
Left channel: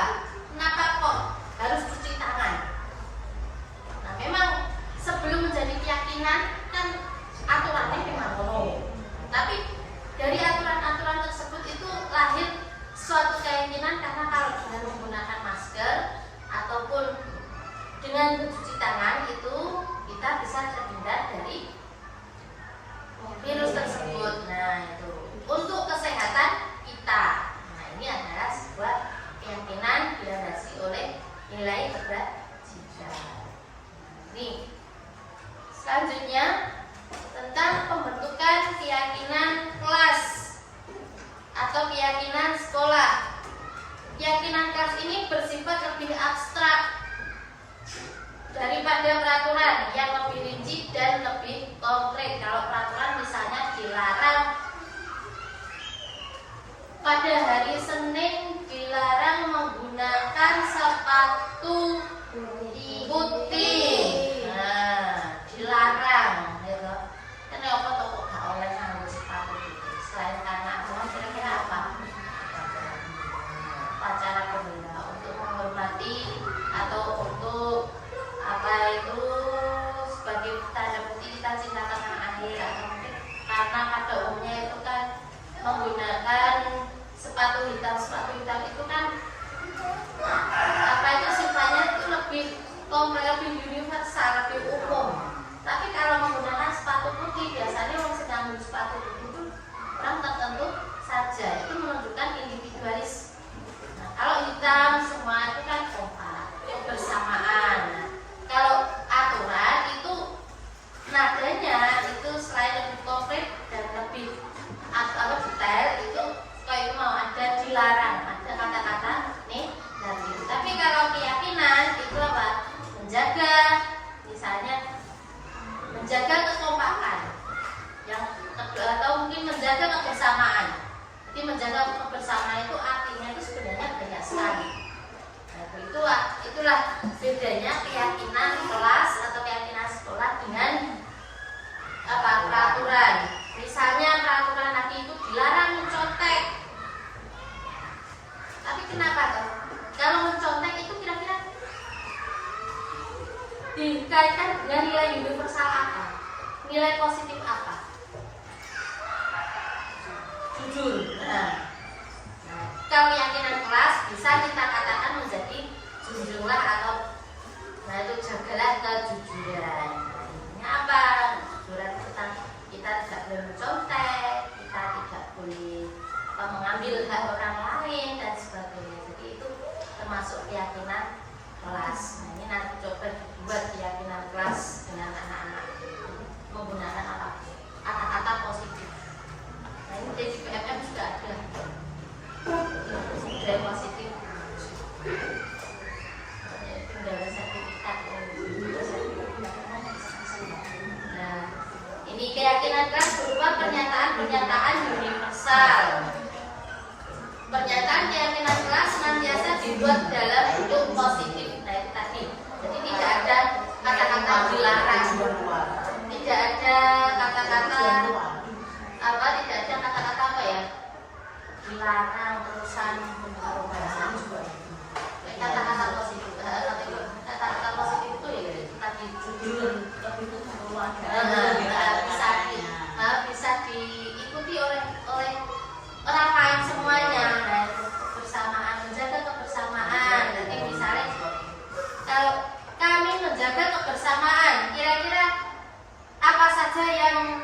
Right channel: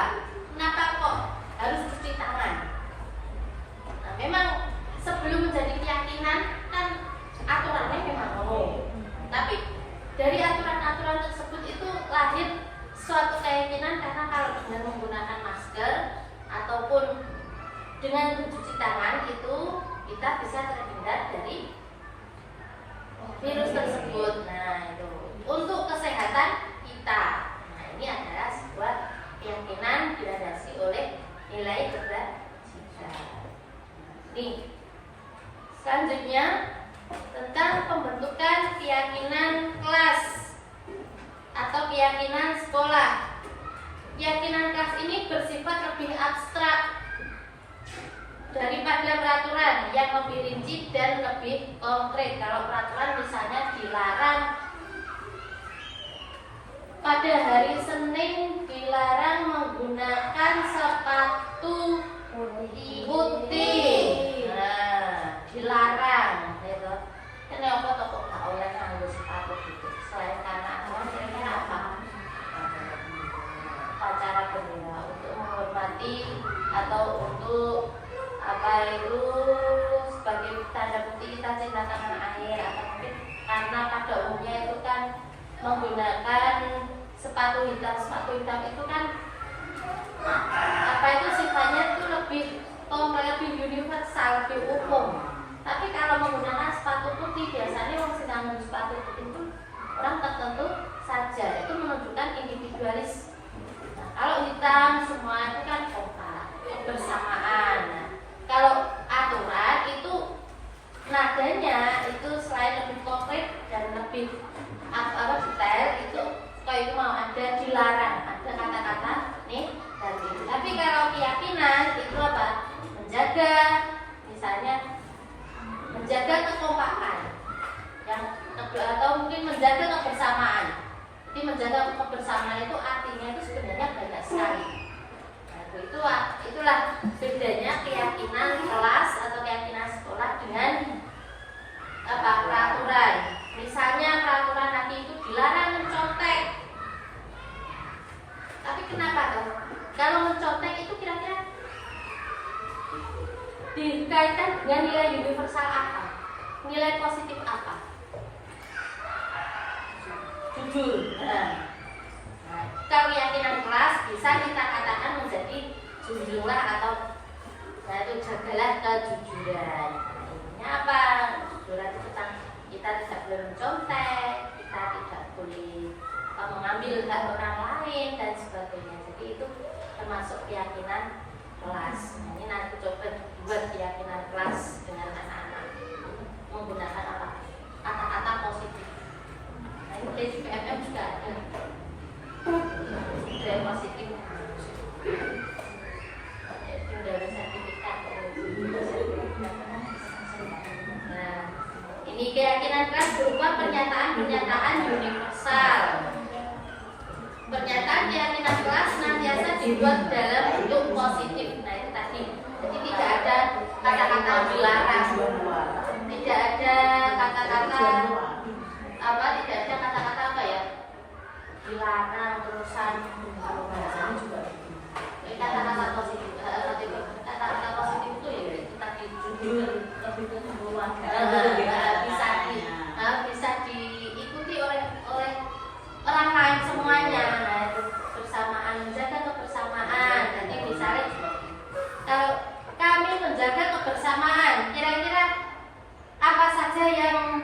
Kenapa kok harus cuci tangan? Nah, memang sebelum menjadi keyakinan kan aturannya memang perlu. Tapi dari aturan-aturan tersebut itu lahir suatu keyakinan karena kalau dengan menggunakan masker ataupun dengan mencuci tangan itu kita bisa terhindar dari virus tersebut. Nah itu untuk kesehatan kita. Nah ini adalah sebuah keyakinan dilandasi oleh nilai kebajikan. Nih selanjutnya tentang pembentukan keyakinan kelas atau keyakinan sekolah. Keyakinan kelas ini bersifat lebih abstrak daripada peraturan yang lebih rinci dan lebih konkret. Kalau peraturan misalnya dilarang pada hari Senin dilarang menggunakan sepatu putih. Nah, dilarang gitu. Kan apa kok gak oleh nganggo sepatu putih selain karena aturan kira-kira apa? Upacara bendera untuk menghormati atau untuk apa itu sebagai tanda bukti kita cinta tanah air, atau mungkin karena pada umumnya itu kan menggunakan sepatu hitam itu kan apa itu sifatnya itu lebih universal, lebih umum. Tapi kalau menggunakan sepatu putih biasanya orang sedang menggunakan sepatu putih itu orang tertentu saja, itu menunjukkan individualis. Nah, kalau hitam semua itu kan kompak, kebersamaan. Nah, kalau aturan itu nadanya itu selain lebih konkret dan lebih detail, itu kalau itu mau ada dilarang, ada kata-kata nih tadi. Tapi kalau keyakinan itu apa? Menjaga, misalnya menjaga kekompakan, yang kedua atau mungkin menjaga kebersamaan. Jadi menjaga kebersamaan itu artinya itu sebenarnya banyak sekali. Itulah bedanya keyakinan kelas atau keyakinan sekolah dengan peraturan. Misalnya peraturan nanti itu dilarang mencontek. Tapi kenapa tuh? Kalau mencontek itu kira-kira dikaitkan dengan nilai universal apa? Nilai positif apa? Jujur. Nah, kalau keyakinan kelas bisa kita katakan menjadi jujurlah atau itu jagalah kejujuran. Ini apa? Kejujuran itu kan kita tidak boleh mencontek, kita tidak boleh mengambil hak orang lain dan sebagainya. Jadi itu termasuk keyakinan kelas. Nah, ini nanti coba buat keyakinan kelas dengan anak-anak menggunakan kata-kata positif. Nah, ini dari PMM juga ada nilai positif. Dari sertifikat. Nah, ini keyakinan kelas berupa pernyataan-pernyataan universal. Pernyataan keyakinan kelas senantiasa dibuat dalam bentuk positif. Nah, itu tadi. Jadi tidak ada kata-kata dilarang. Tidak ada kata-kata apa? Tidak ada kata-kata apa ya? Dilarang, urusan, kata-kata positif. Kata-kata positif itu ya kita jujur, bisa diikuti oleh orang lain semuanya. Nah, bersamaan, menjaga kebersamaan. Jadi misalnya kalau kami menjaga kebersamaan, kira-kira apa saja yang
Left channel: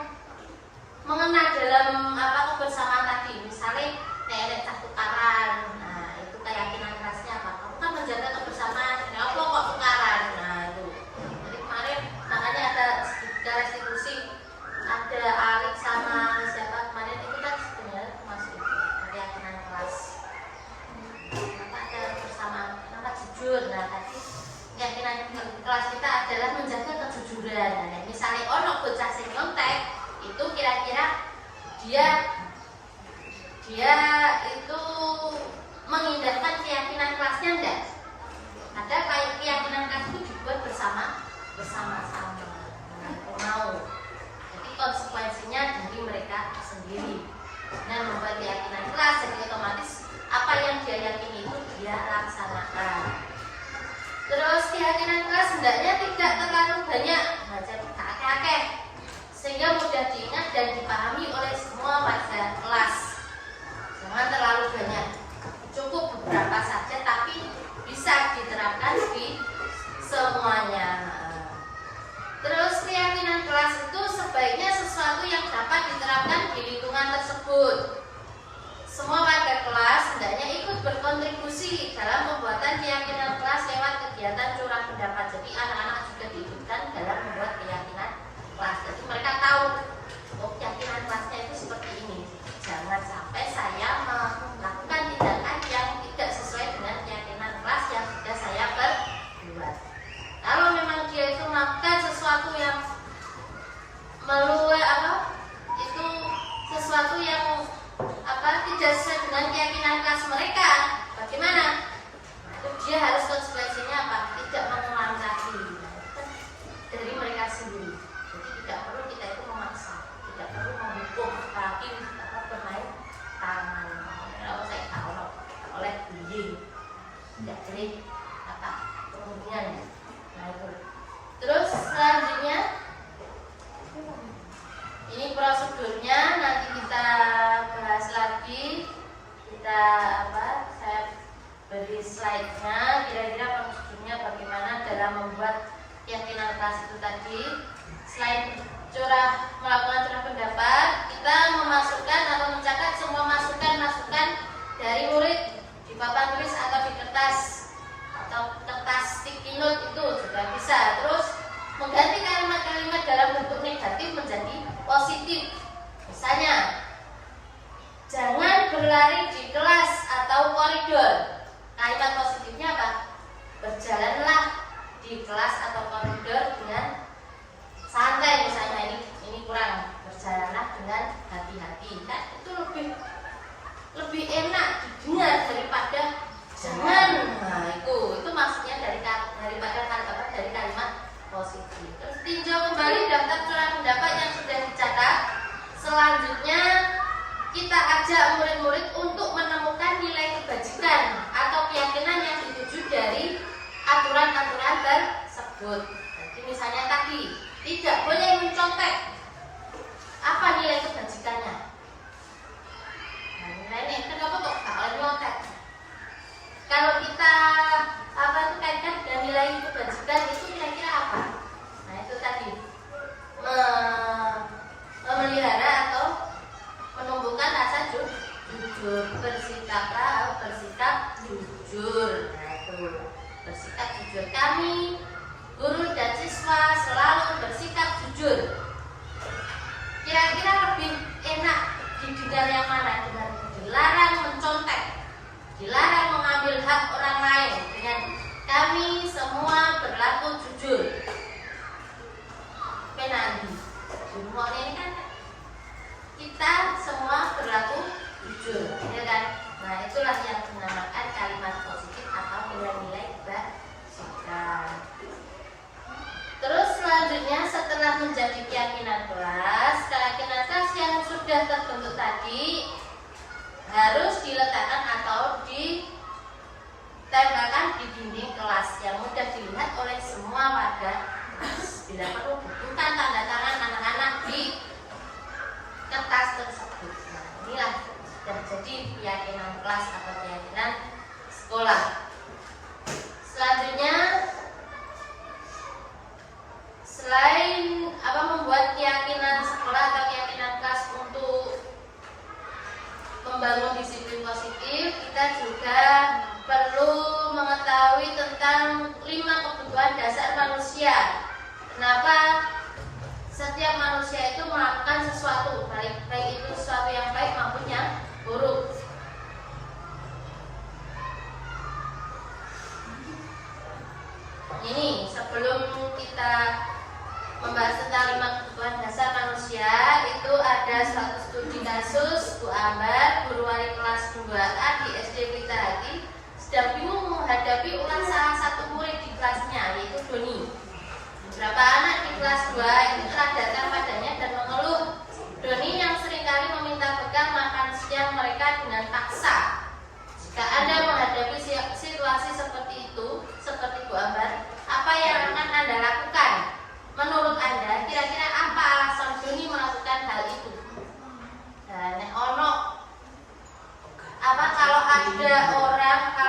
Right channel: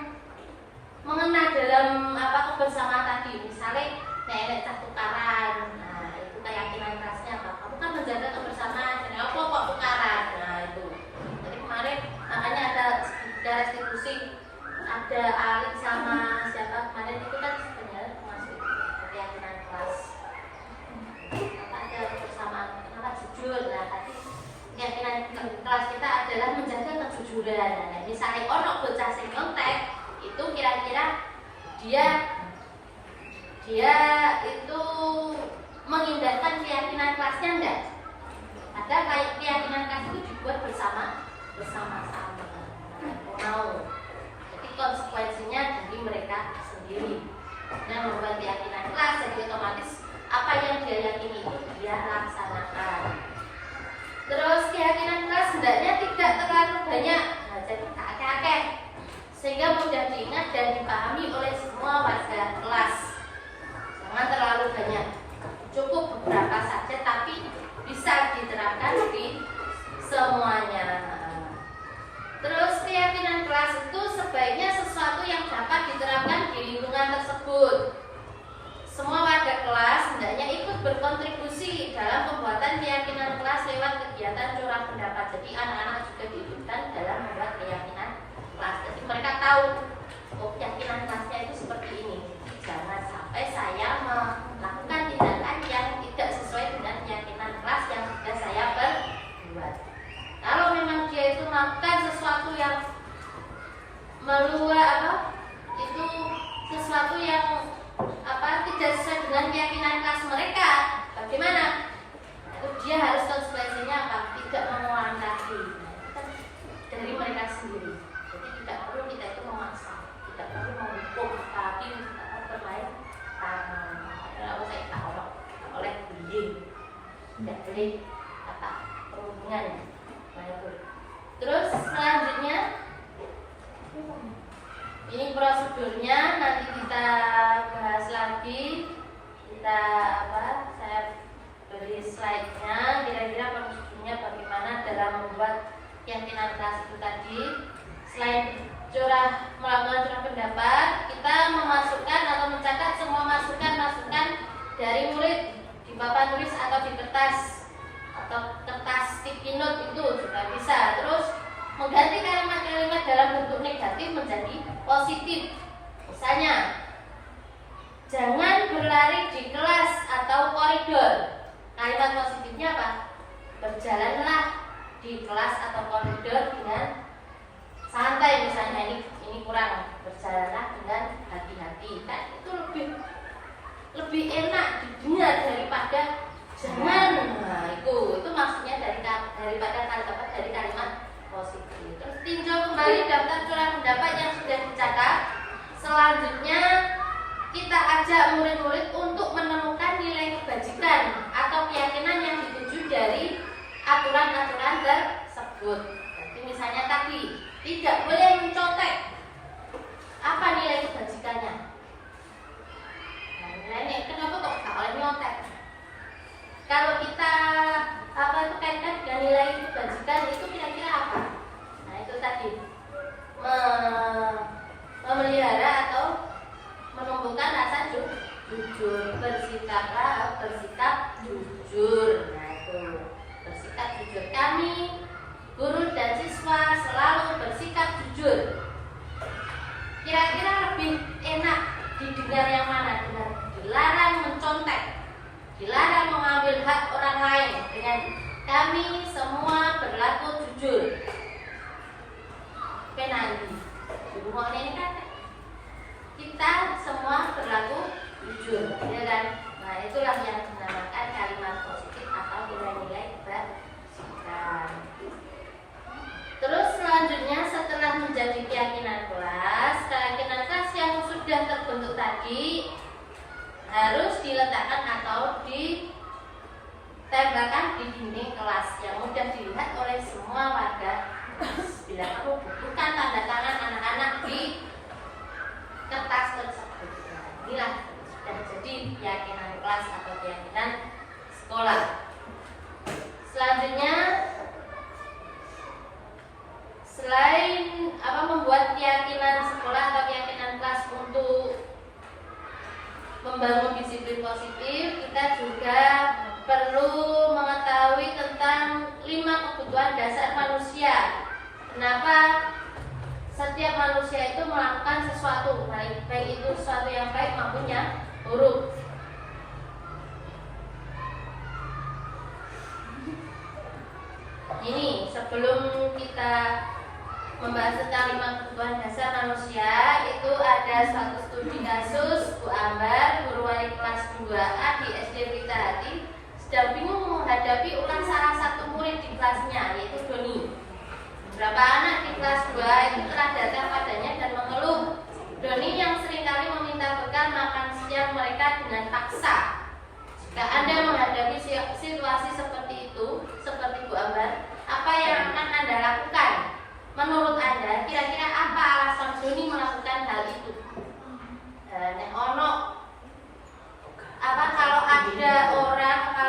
mengena dalam kebersamaan tadi? Misalnya nenek tukaran. Nah, itu keyakinan kelasnya apa? Kamu kan menjaga kebersamaan. Apa kok tukaran? Nah, itu. Jadi kemarin makanya ada restitusi, ada Alik sama siapa kemarin itu kan sebenarnya masuk keyakinan kelas. Kenapa ada kebersamaan? Kenapa jujur? Nah, tadi keyakinan kelas kita adalah menjaga kejujuran. Nah, misalnya orang bocah sing nyontek, itu kira-kira dia itu mengindahkan keyakinan kelasnya enggak? Ada keyakinan kelas itu dibuat bersama-sama. Mau. Jadi konsekuensinya dari mereka sendiri. Dan membuat keyakinan kelas, jadi otomatis apa yang dia yakini itu dia laksanakan. Terus keyakinan kelas hendaknya tidak terlalu banyak, nah, jadi kakek-kakek, sehingga mudah diingat dan dipahami oleh semua warga kelas. Jangan terlalu banyak, cukup beberapa saja tapi bisa diterapkan di semuanya. Terus keyakinan kelas itu sebaiknya sesuatu yang dapat diterapkan di lingkungan tersebut. Semua warga kelas hendaknya ikut berkontribusi dalam pembuatan keyakinan kelas lewat kegiatan curah pendapat. Jadi anak-anak juga diikutkan dalam membuat keyakinan kelas. Jadi mereka tahu, oh keyakinan kelasnya itu seperti ini. Jangan sampai saya melakukan tindakan yang tidak sesuai dengan keyakinan kelas yang sudah saya perbuat. Kalau memang dia itu melakukan sesuatu yang itu sesuatu yang tidak sesuai dengan keyakinan kelas mereka, bagaimana? Nah, itu dia harus konsekuensinya apa? Tidak mengulang lagi. Dari mereka sendiri. Jadi tidak perlu kita itu memaksa, tidak perlu menghukum apalagi kita bermain tangan. Kalau saya tak oleh bullying, tidak boleh perundingan. Nah, itu. Terus selanjutnya ini prosedurnya nanti kita bahas lagi. Saya beri slide-nya. Kira-kira prosedurnya bagaimana dalam membuat keyakinan kelas itu tadi. Selain melakukan curah pendapat, kita memasukkan atau mencatat semua masukan dari murid di papan tulis atau di kertas sticky note itu juga bisa. Terus mengganti kalimat-kalimat dalam bentuk negatif menjadi positif. Misalnya, jangan berlari di kelas atau koridor. Kalimat positifnya apa? Berjalanlah di kelas atau koridor dengan santai. Misalnya ini kurang, berjalanlah dengan hati-hati. Kan itu lebih enak didengar daripada jangan. Nah, itu maksudnya dari kalimat positif. Terus tinjau kembali daftar curah pendapat yang sudah dicatat. Selanjutnya kita ajak murid-murid untuk menemukan nilai kebajikan atau keyakinan yang dituju dari aturan-aturan tersebut. tidak boleh mencontek. Apa nilai kebajikannya? Nah, nilainya kenapa kok nggak boleh nyontek? Kalau kita itu kaitkan dengan nilai kebajikan itu kira-kira apa? Nah itu tadi memelihara atau menumbuhkan rasa jujur, bersikap jujur. Nah itu bersikap jujur. Kami guru dan siswa selalu bersikap jujur. Kira-kira lebih enak didengar yang mana? Dilarang mencontek, dilarang mengambil hak orang lain dengan kami semua berlaku jujur. Penandi di rumah ini kan kita semua berlaku jujur, ya kan? Nah itulah yang dinamakan kalimat positif atau nilai-nilai kebajikan. Terus selanjutnya setelah menjadi keyakinan kelas yang sudah terbentuk tadi harus diletakkan atau ditembakkan di dinding kelas yang mudah dilihat oleh semua warga. Bila perlu bukan tanda tangan anak-anak di kertas tersebut. Nah, inilah sudah jadi keyakinan kelas atau keyakinan sekolah. Selanjutnya, selain membuat keyakinan sekolah atau keyakinan kelas untuk membangun disiplin positif, kita juga perlu mengetahui tentang 5 kebutuhan dasar manusia. Kenapa setiap manusia itu melakukan sesuatu, baik itu sesuatu yang baik maupun yang buruk. Ini sebelum kita membahas tentang 5 kebutuhan dasar manusia, itu ada suatu studi kasus Bu Ambar, guru wali kelas 2A di SD Pelita Hati, sedang bingung menghadapi ulang salah satu murid di kelasnya, yaitu Doni. Beberapa anak di kelas 2 itu telah datang padanya dan mengeluh Doni yang seringkali meminta bekal makan siang mereka dengan paksa. Jika Anda menghadapi situasi seperti itu, seperti Bu Ambar, apa yang akan Anda lakukan? Menurut Anda, kira-kira apa alasan Doni melakukan hal itu? Dan kalau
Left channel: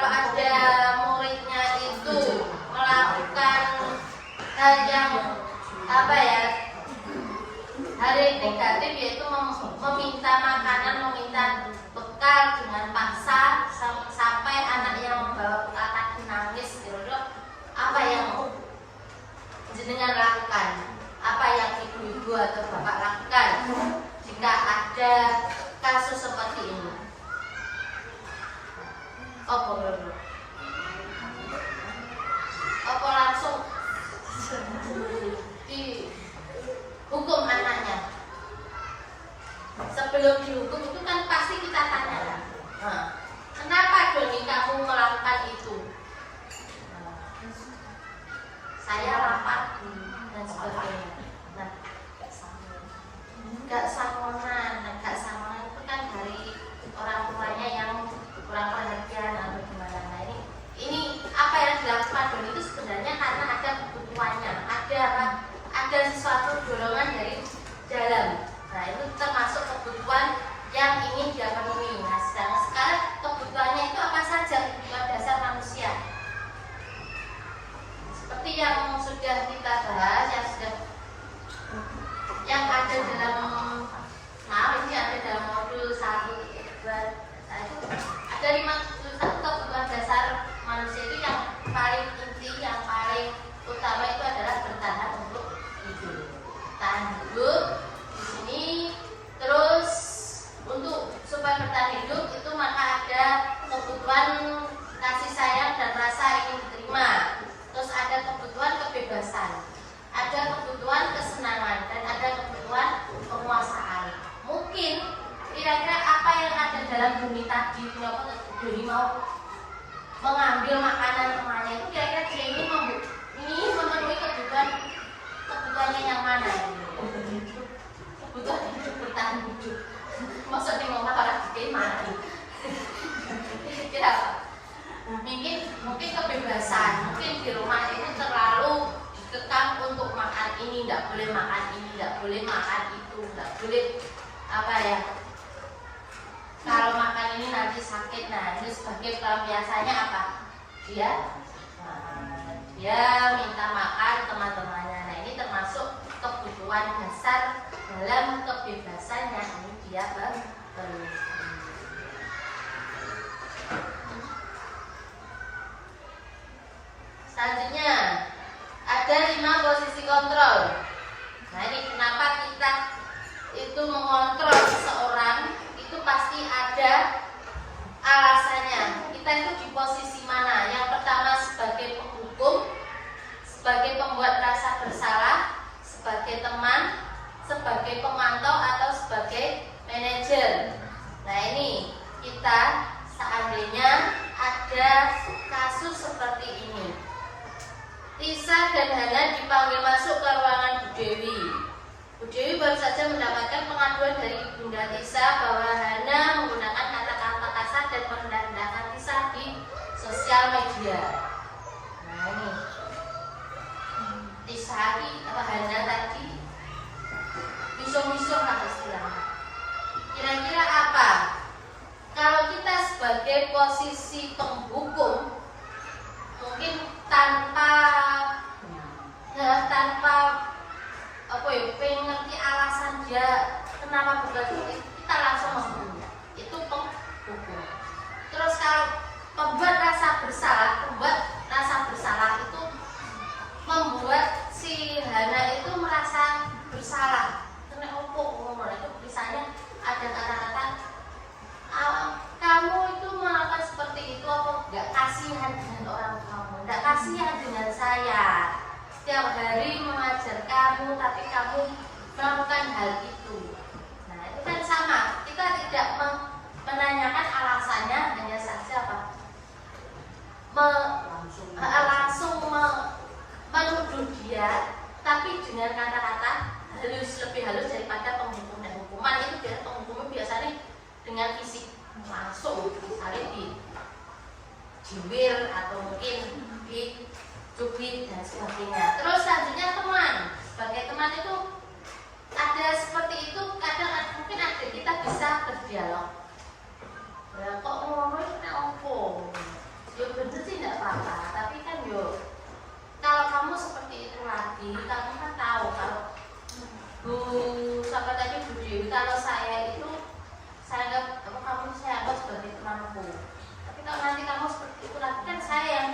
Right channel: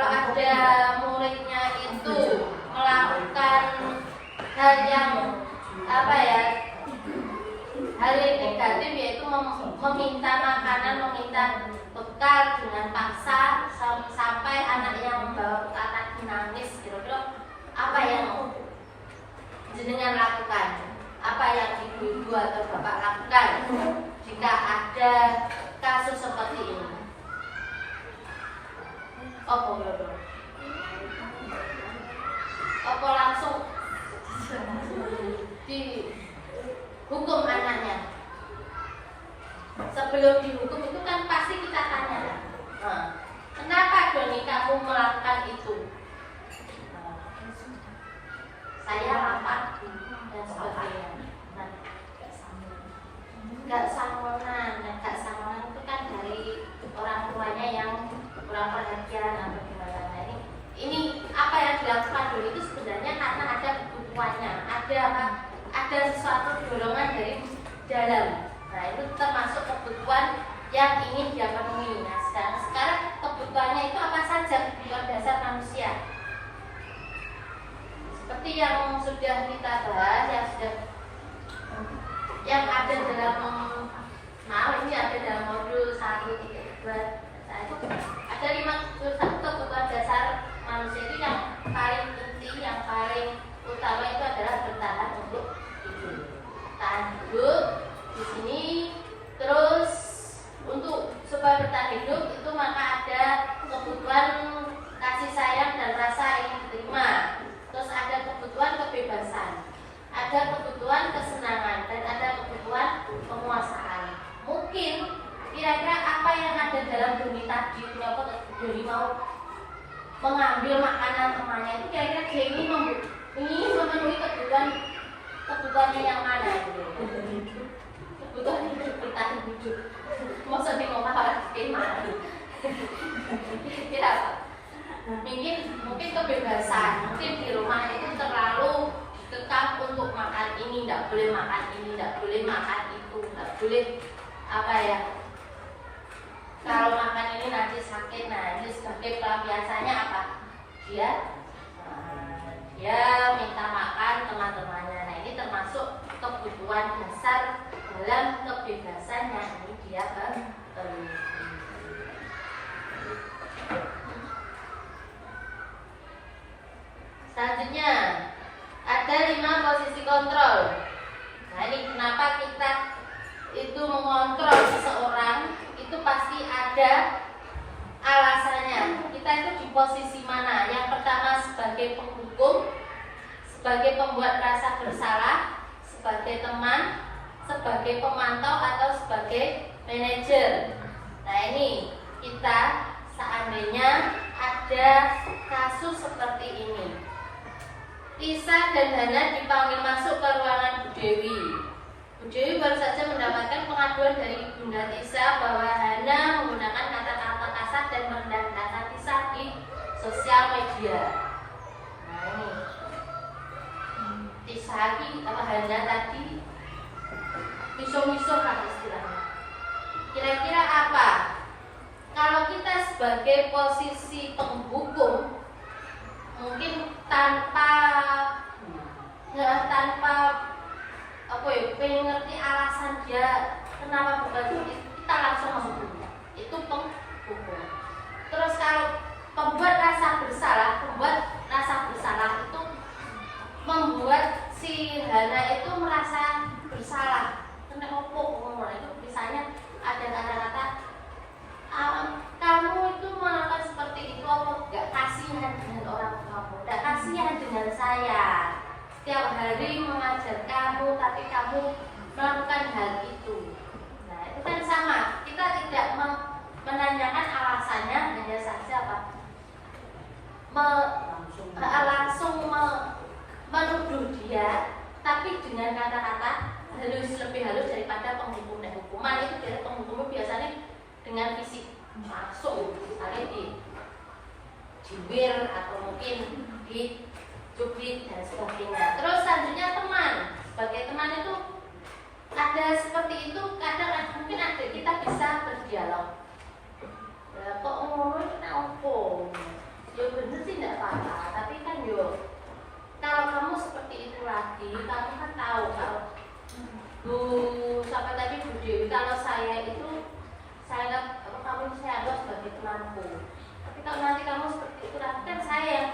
ada muridnya itu melakukan hal yang hal yang negatif, yaitu meminta makanan, meminta bekal dengan paksa sampai anak yang membawa bekal tadi nangis gitu. Apa yang jenengan lakukan? Apa yang ibu-ibu atau bapak lakukan jika ada kasus seperti ini? Apa langsung dihukum anaknya? Sebelum dihukum itu kan pasti kita tanya kan, kenapa Doni kamu melakukan itu? Saya lapar dan sebagainya. Nah, gak sangonan itu kan dari orang tuanya yang kurang perhatian atau gimana. Nah, ini apa yang dilakukan Doni itu sebenarnya karena ada kebutuhannya, ada sesuatu dorongan dari dalam. Nah, itu termasuk kebutuhan yang ingin dia penuhi. Nah, sekarang kebutuhannya itu apa saja kebutuhan dasar manusia? Seperti yang sudah kita bahas, yang ada dalam ini ada dalam modul 1.2. Ada 5 kebutuhan dasar manusia itu yang paling penting, yang paling utama itu adalah bertahan untuk hidup. Tahan hidup di sini, terus untuk supaya bertahan hidup itu maka ada kebutuhan kasih sayang dan rasa ingin diterima. Terus ada kebutuhan kebebasan, ada kebutuhan kesenangan, dan ada kebutuhan penguasaan. Mungkin kira-kira apa yang ada dalam Doni tadi, kenapa Doni mau mengambil makanan temannya itu, kira-kira dia ini memenuhi kebutuhannya yang mana? Kebutuhan hidup, bertahan hidup. Maksudnya ngomong orang gimana? Kira apa? Mungkin kebebasan, mungkin di rumah itu terlalu dikekang untuk makan ini, tidak boleh boleh apa ya, kalau makan ini nanti sakit. Nah, ini sebagai pelampiasannya apa? Dia minta makan teman-temannya. Nah, ini termasuk kebutuhan dasar dalam kebebasan yang ini dia perlu. Selanjutnya ada 5 posisi kontrol. Nah, ini kenapa kita itu mengontrol seseorang, itu pasti ada alasannya. Kita itu di posisi mana? Yang pertama sebagai penghukum, sebagai pembuat rasa bersalah, sebagai teman, sebagai pemantau, atau sebagai manajer. Nah, ini kita seandainya ada kasus seperti ini, Tisa dan Hana dipanggil masuk ke ruangan Bu Dewi. Bu Dewi baru saja mendapatkan pengaduan dari Bunda Tisa bahwa Hana menggunakan kata-kata kasar dan merendahkan Tisa di sosial media. Nah, ini Tisa Hana tadi misuh-misuh lah istilahnya. Kira-kira apa? Kalau kita sebagai posisi penghukum, mungkin tanpa pengen ngerti alasan dia kenapa bukan itu, kita langsung menghukum. Itu penghukum. Terus kalau membuat rasa bersalah itu membuat si Hana itu merasa bersalah. Kena opo itu misalnya ada kata-kata kamu itu melakukan seperti itu, apa enggak kasihan dengan orang kamu, enggak kasihan dengan saya, setiap hari mengajar kamu tapi kamu melakukan hal itu. Nah, itu kan sama, kita tidak menanyakan alasannya, hanya saja apa langsung menuduh dia, tapi dengan kata-kata lebih halus daripada penghukum. Dan hukuman itu penghukum biasanya dengan fisik langsung, misalnya di jiwir atau mungkin dicubit dan sebagainya. Terus selanjutnya teman, sebagai teman itu ada seperti itu, kadang mungkin ada kita bisa berdialog. Kok ngomong ini apa? Ya bener sih tidak apa-apa, tapi kan yo kalau kamu seperti itu lagi, kamu kan tahu kalau sampai tadi Bu Dewi, kalau saya itu saya anggap sebagai penampu. Tapi kalau nanti kamu seperti itu lagi, kan saya yang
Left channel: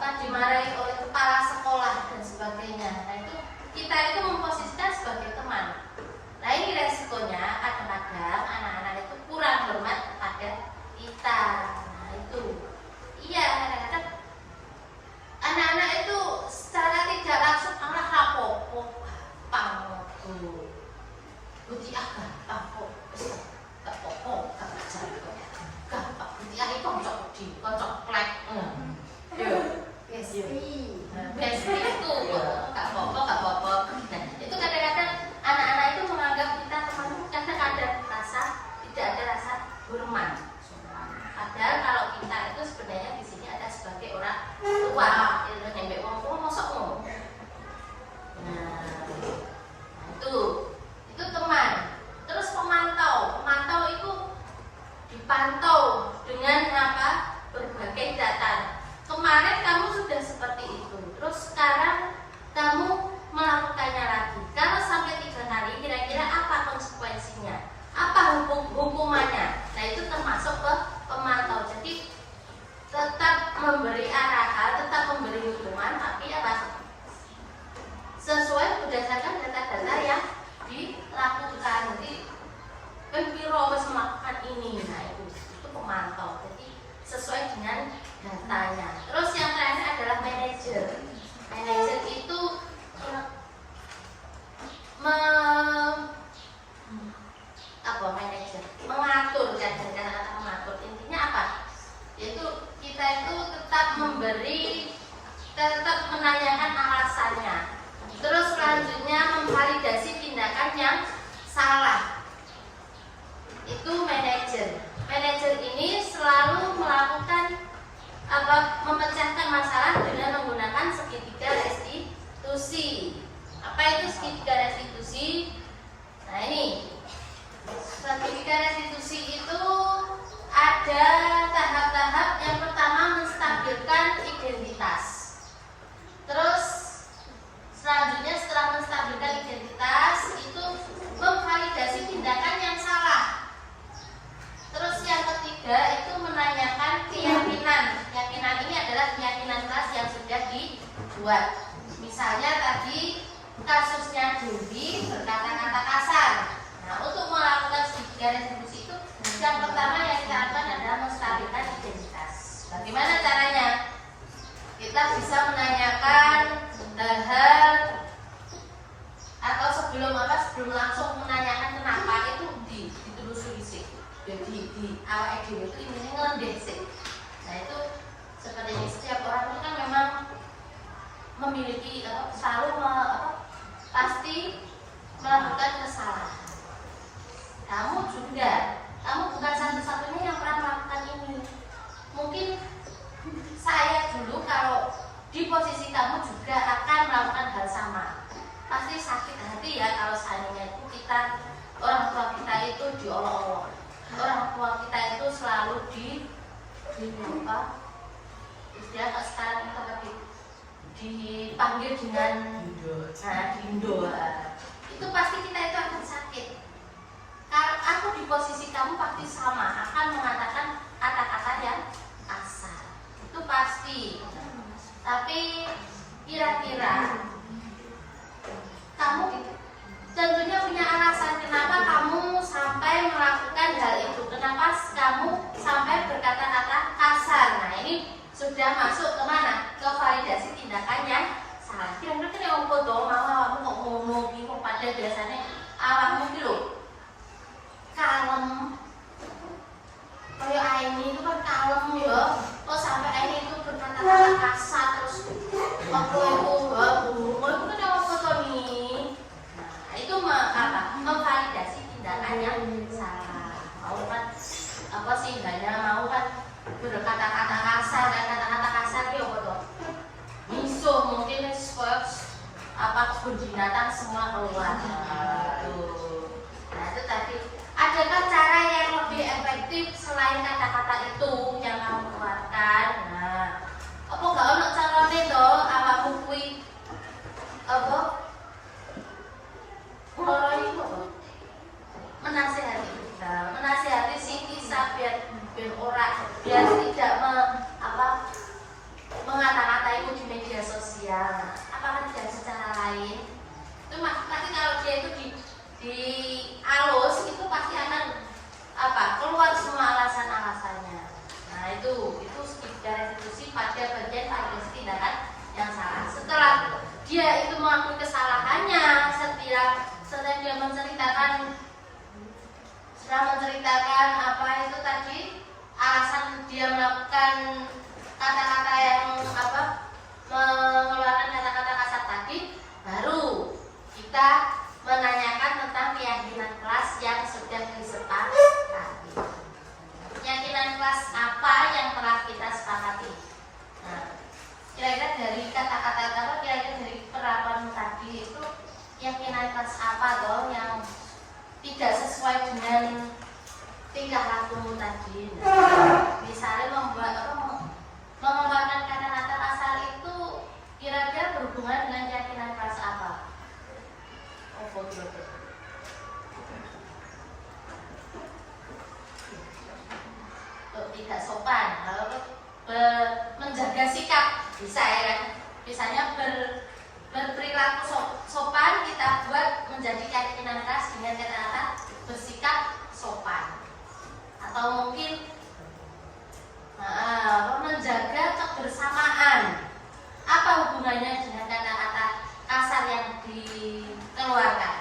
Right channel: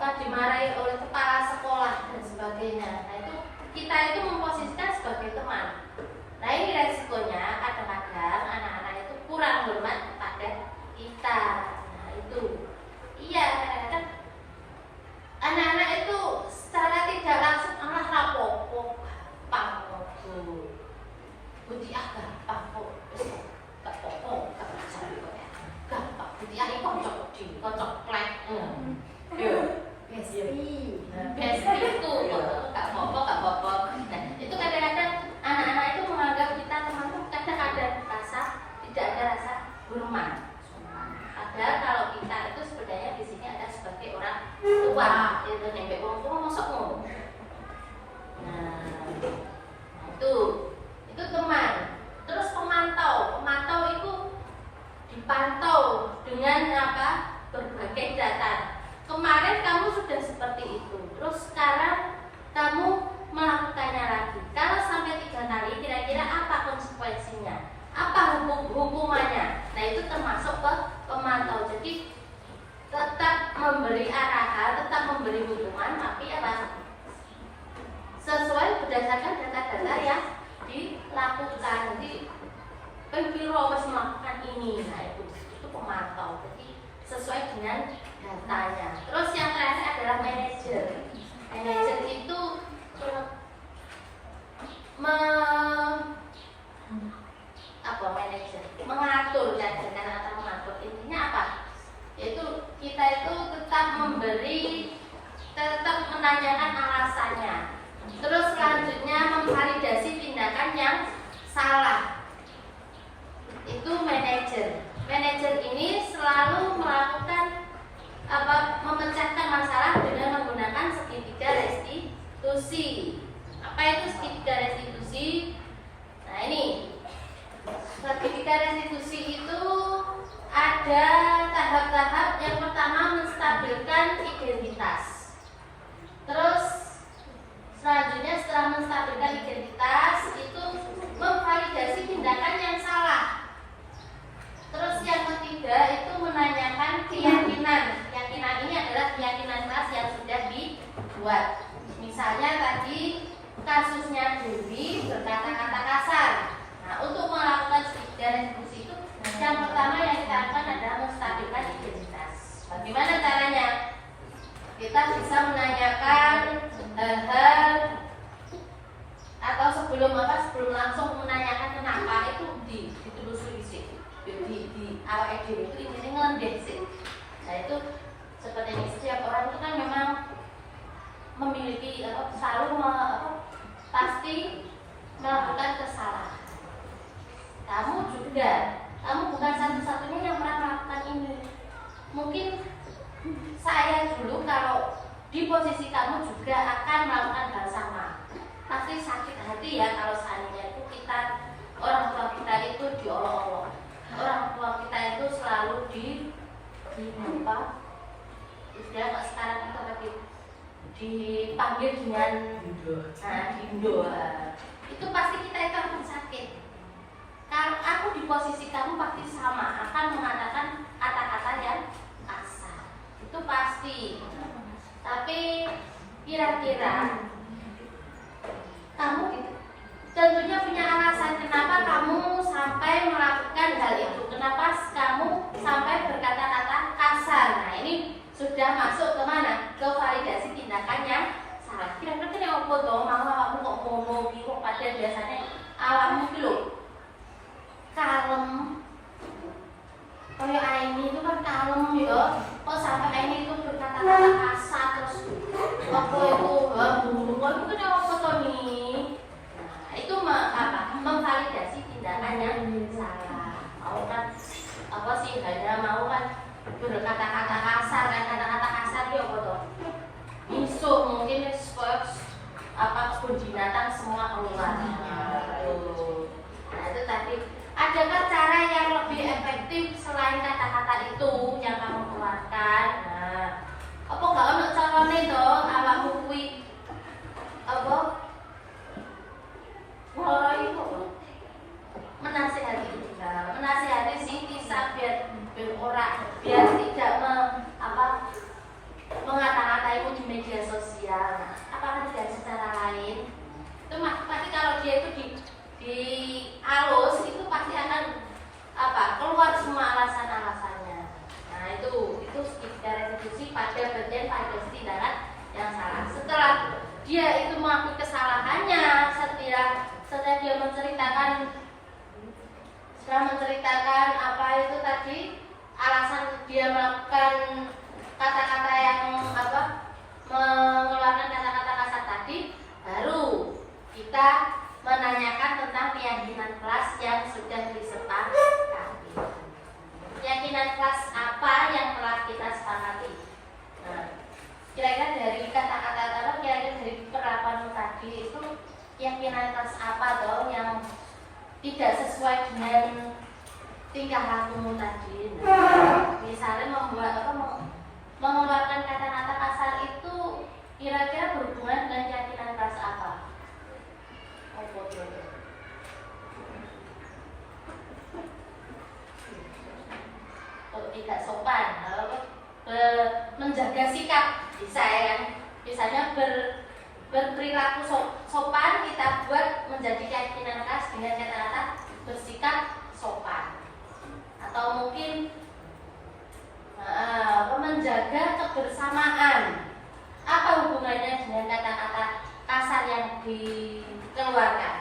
dimarahi oleh kepala sekolah dan sebagainya. Nah, itu kita itu memposisikan sebagai teman. Nah, ini resikonya kadang-kadang anak-anak itu kurang hormat kepada kita. Nah, itu iya, kadang-kadang anak-anak itu secara tidak langsung anak rapopo gampang budi gampang kok gak apa-apa gak belajar gampang budi itu kocok klek besti itu gak apa-apa. Nah, itu kadang-kadang anak-anak itu menganggap kita teman itu kadang ada rasa tidak ada rasa hormat. Padahal kalau kita itu sebenarnya di sini ada sebagai orang tua, itu nyampe uang tua masuk ngomong. Nah, itu teman. Terus pemantau itu dipantau dengan apa? Berbagai data. Kemarin kamu sudah seperti itu, terus sekarang kamu melakukannya lagi. Kalau sampai 3 kali, kira-kira apa konsekuensinya? Apa hukumannya? Nah, itu termasuk ke pemantau. Jadi tetap memberi arahan, tetap memberi hukuman, tapi apa? Sesuai berdasarkan data-data yang dilakukan. Jadi pembiro harus melakukan ini. Nah, itu pemantau. Jadi sesuai dengan datanya. Terus yang terakhir adalah manajer. Manajer itu manajer mengatur, kadang-kadang atau mengatur. Intinya apa? Yaitu kita itu tetap menanyakan alasannya. Terus selanjutnya memvalidasi tindakan yang salah. Itu manajer. Manajer ini selalu melakukan memecahkan masalah dengan menggunakan segitiga restitusi. Apa itu segitiga restitusi? Misalnya tadi kasusnya Dewi berkata-kata kasar. Nah, untuk melakukan segitiga retribusi itu yang pertama yang kita lakukan adalah menstabilkan identitas. Bagaimana caranya? Kita bisa menanyakan hal-hal atau sebelum langsung menanyakan kenapa itu ditelusuri sih. Di awal ide itu intinya ngelendeh sih. Nah itu seperti ini, setiap orang itu kan memang memiliki pasti melakukan kesalahan. Kamu bukan satu-satunya yang pernah melakukan ini. Mungkin saya dulu kalau di posisi kamu juga akan melakukan hal sama. Pasti sakit hati ya kalau seandainya itu orang tua kita itu diolok-olok. Orang tua kita itu selalu istilah sekarang itu tadi dipanggil dengan dindo. Itu pasti kita itu akan sakit. Kalau aku di posisi kamu pasti sama, akan mengatakan kata-kata yang kasar. Itu pasti. Tapi kira-kira kamu tentunya punya alasan kenapa kamu sampai melakukan hal itu. Kenapa kamu sampai berkata-kata kasar. Nah ini sudah masuk ke mana? Ke validasi tindakan yang salah. Kira-kira yang mau foto, malah aku kok ngomong gitu, pada biasanya awakmu gitu kalem. Kayak Aini itu kan kalem ya. Kok sampai Aini itu berkata-kata kasar terus aku itu buruk. Itu kan yang foto nih. Nah, itu memvalidasi tindakan yang salah. Mau kan hanya mau kan berkata-kata kasar, kata-kata kasar dia foto. Misuh mungkin kebun binatang semua keluar. Nah itu tapi adakah cara yang lebih efektif selain kata-kata itu yang kamu keluarkan? Nah, apa gak ono carane to awakmu kuwi mulai menasihati si kisah biar tidak mengata-ngata itu di media sosial. Nah, apakah tidak ada cara lain? Itu pasti kalau dia itu di alus itu pasti akan keluar semua alasan-alasannya. Nah itu secara restitusi pada bagian tindakan yang salah. Setelah dia itu melakukan kesalahannya, setelah dia menceritakan apa itu tadi alasan dia melakukan kata-kata yang mengeluarkan kata-kata kasar tadi, baru kita menanyakan tentang keyakinan kelas yang sudah disepakati. Keyakinan kelas apa yang telah kita sepakati? Nah, kira-kira dari kata-kata kira-kira dari penerapanmu tadi itu keyakinan kelas apa dong yang tidak sesuai dengan tingkah lakumu tadi? Nah, misalnya mengeluarkan kata-kata kasar itu kira-kira berhubungan dengan keyakinan kelas apa? Tidak sopan, menjaga sikap bisa ya kan? Misalnya berperilaku sopan kita buat menjadi keyakinan kelas dengan kata-kata bersikap sopan, atau mungkin menjaga kebersamaan. Apa hubungannya dengan kata-kata kasar yang dikeluarkan?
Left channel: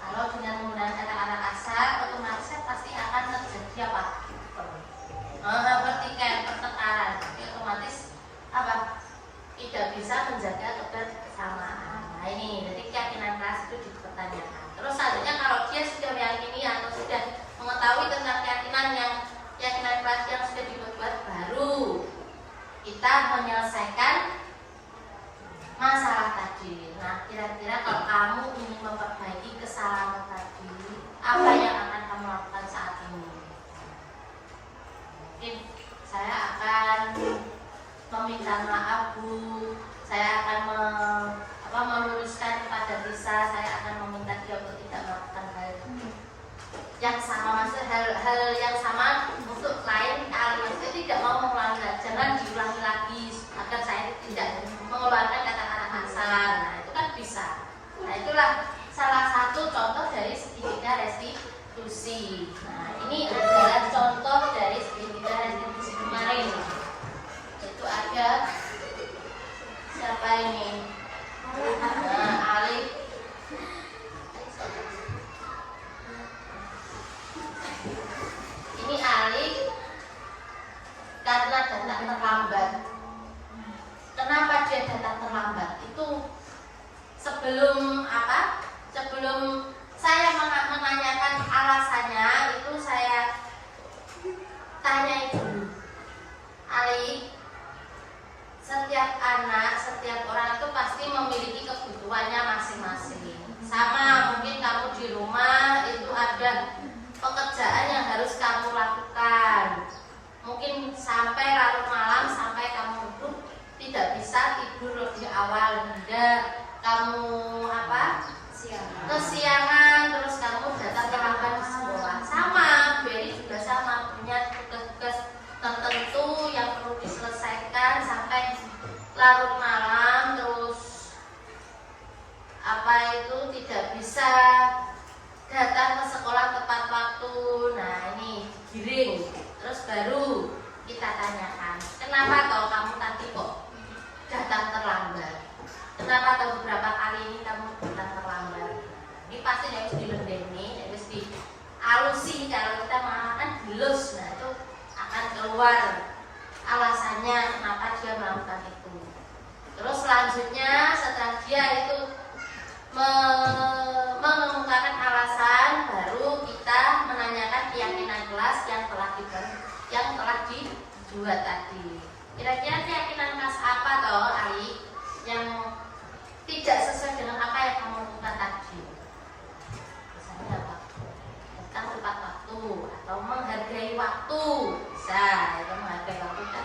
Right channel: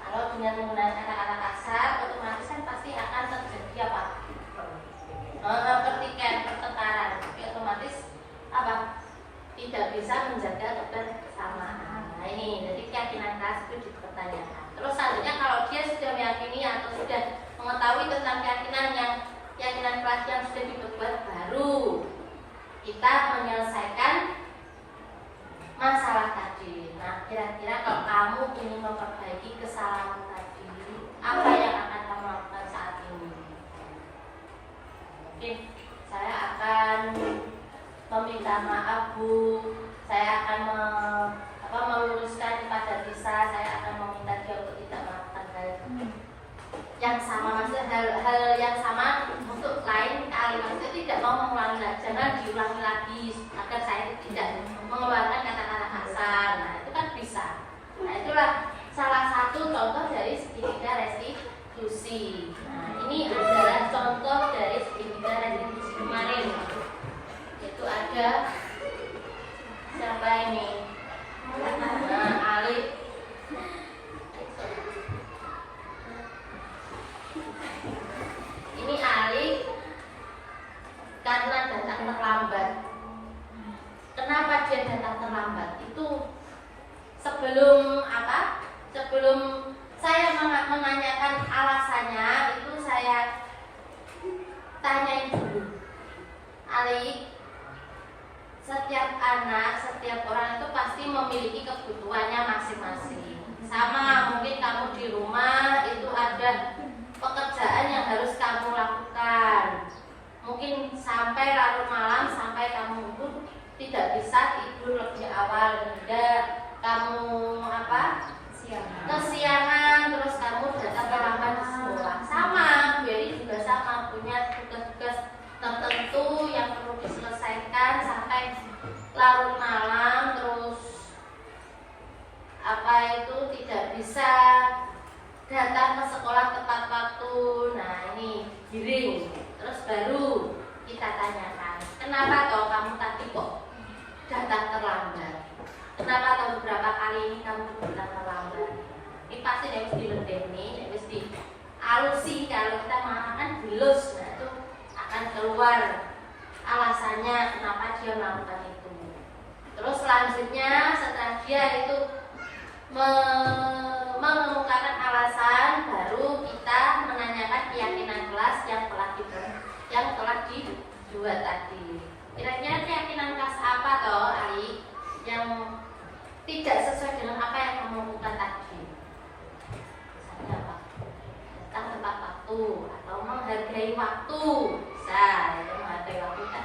Kalau dengan menggunakan kata-kata kasar, otomatis kan pasti akan terjadi pertengkaran. Otomatis tidak bisa menjaga kebersamaan. Nah ini, jadi keyakinan kelas itu dipertanyakan. Terus selanjutnya kalau dia sudah meyakini atau sudah mengetahui tentang keyakinan kelas yang sudah dibuat, baru kita menyelesaikan masalah tadi. Nah, kira-kira kalau kamu ingin memperbaiki kesalahan tadi, apa yang akan kamu lakukan saat ini? Mungkin saya akan meminta maaf Bu, saya akan meluruskan kepada Lisa, saya akan meminta dia untuk tidak melakukan hal yang sama, maksudnya hal yang sama untuk lain kali. Maksudnya tidak mau mengulangi, jangan diulangi lagi agar saya tidak mengeluarkan kata-kata kasar. sebelum saya menanyakan alasannya itu saya tanyain dulu. Ali, setiap anak, setiap orang itu pasti memiliki kebutuhannya masing-masing. Sama mungkin kamu di rumah itu ada pekerjaan yang harus kamu lakukan. Mungkin sampai larut malam, sampai kamu itu tidak bisa tidur lebih awal, tidak kamu kesiangan, terus kamu datang terlambat di sekolah. Sama, Bu Eri juga sama, punya tugas-tugas tertentu yang perlu diselesaikan sampai larut malam, terus tidak bisa datang ke sekolah tepat waktu. Nah ini giring, terus baru kita tanyakan, kenapa toh kamu tadi kok datang terlambat? Kenapa toh beberapa kali ini kamu datang terlambat? Ini pasti harus dilendeni, harus dialusi. Kalau kita mengatakan dilus, nah itu akan keluar alasannya kenapa dia melakukan itu. Terus selanjutnya setelah dia itu mengemukakan alasan, baru kita menanyakan keyakinan kelas yang telah dibuat tadi. Kira-kira keyakinan kelas apa toh, Ali, yang tidak sesuai dengan apa yang kamu lakukan tadi? Misalnya apa? Datang tepat waktu atau menghargai waktu. Bisa, itu menghargai waktu kan.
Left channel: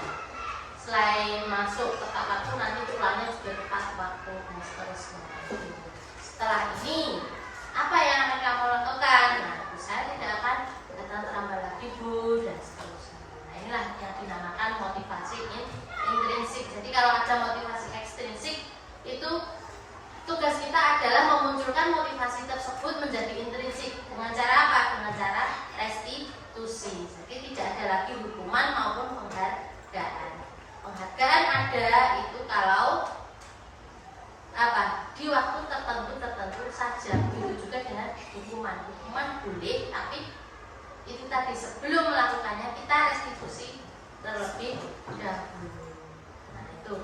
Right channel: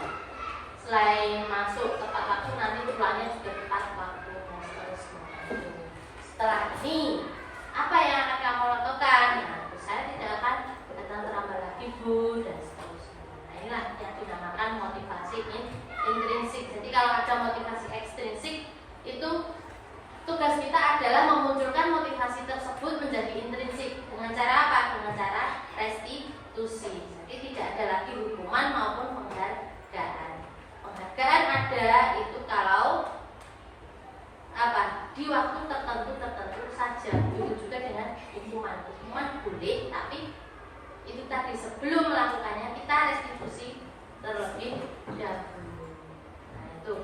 Selain masuk tepat waktu, nanti pulangnya juga tepat waktu dan seterusnya. Setelah ini, apa yang akan kamu lakukan? Nah, saya tidak akan datang terlambat lagi, Bu, dan seterusnya. Nah, inilah yang dinamakan motivasi intrinsik. Jadi kalau ada motivasi ekstrinsik, itu tugas kita adalah memunculkan motivasi tersebut menjadi intrinsik. Dengan cara apa? Dengan cara restitusi. Jadi tidak ada lagi hukuman maupun penghargaan. Penghargaan ada itu kalau di waktu tertentu saja. Begitu juga dengan hukuman. Hukuman boleh, tapi itu tadi sebelum melakukannya kita restitusi terlebih dahulu. Nah itu.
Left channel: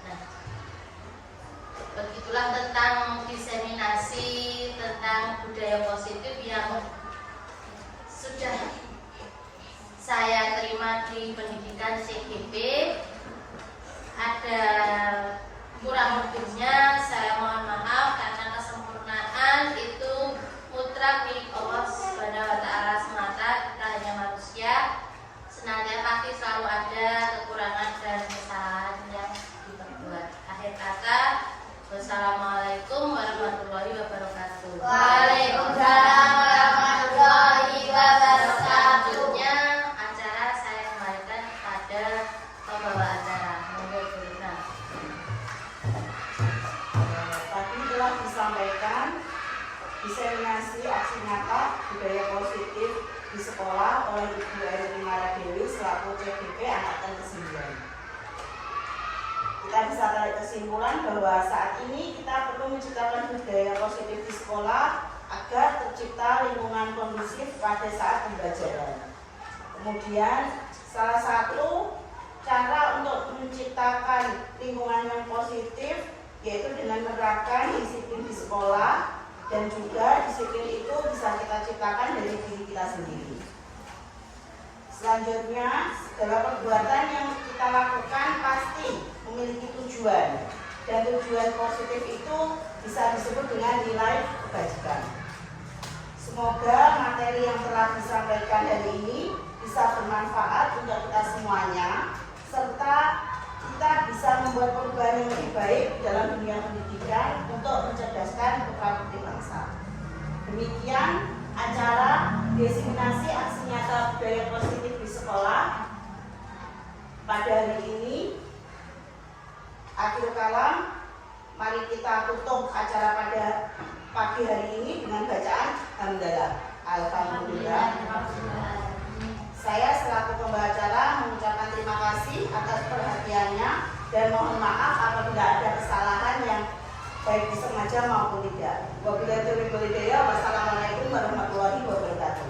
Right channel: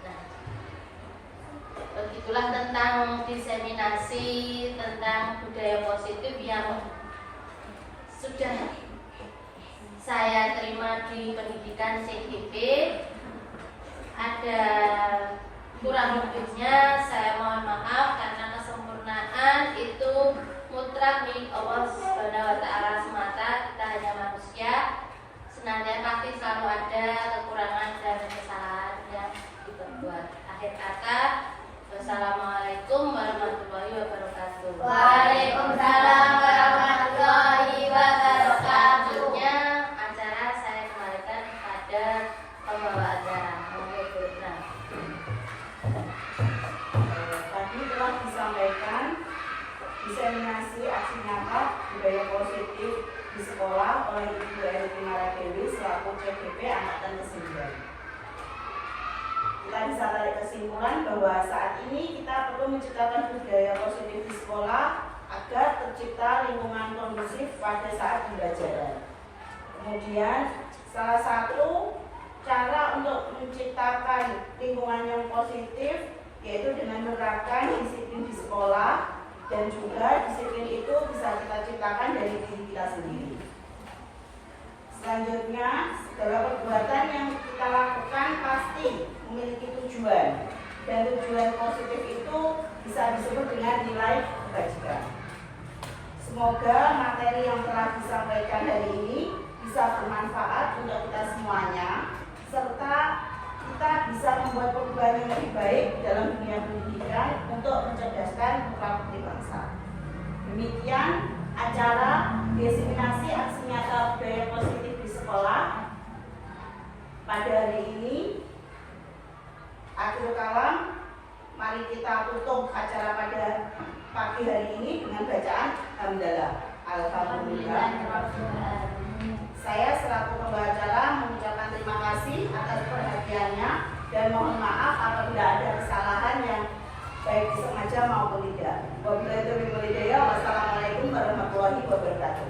Nah, begitulah tentang diseminasi tentang budaya positif yang sudah saya terima di pendidikan CGP. Ada kurang lebihnya, saya mohon maaf karena kesempurnaan itu mutlak milik Allah Subhanahu wa Ta'ala semata. Kita hanya manusia, senantiasa pasti selalu ada kekurangan dan kesalahan yang diperbuat. Akhir kata, wassalamualaikum warahmatullahi wabarakatuh. Waalaikumsalam warahmatullahi wabarakatuh. Acara saya kembalikan kepada pembawa acara. Tadi telah disampaikan diseminasi aksi nyata budaya positif di sekolah oleh Ibu Eri Primaradewi selaku CGP Angkatan ke-9. Kita bisa tarik kesimpulan bahwa saat ini kita perlu menciptakan budaya positif di sekolah agar tercipta lingkungan kondusif pada saat pembelajaran. Kemudian salah satu cara untuk menciptakan lingkungan yang positif yaitu dengan menerapkan disiplin di sekolah, dan juga disiplin itu bisa kita ciptakan dari diri kita sendiri. Selanjutnya, segala perbuatan yang kita lakukan pasti memiliki tujuan, dan tujuan positif itu bisa disebut dengan nilai kebajikan. Semoga materi yang telah disampaikan hari ini bisa bermanfaat untuk kita semuanya, serta kita bisa membuat perubahan yang lebih baik dalam dunia pendidikan untuk mencerdaskan putra-putri bangsa. Demikian acara diseminasi aksi nyata budaya positif di sekolah pada hari ini. Akhir kalam, mari kita tutup acara pada pagi hari ini dengan bacaan hamdalah. Alhamdulillah. Saya selaku pembawa acara mengucapkan terima kasih atas perhatiannya dan mohon maaf apabila ada kesalahan yang baik disengaja maupun tidak. Wabillahi taufiq wal hidayah. Wassalamualaikum warahmatullahi wabarakatuh.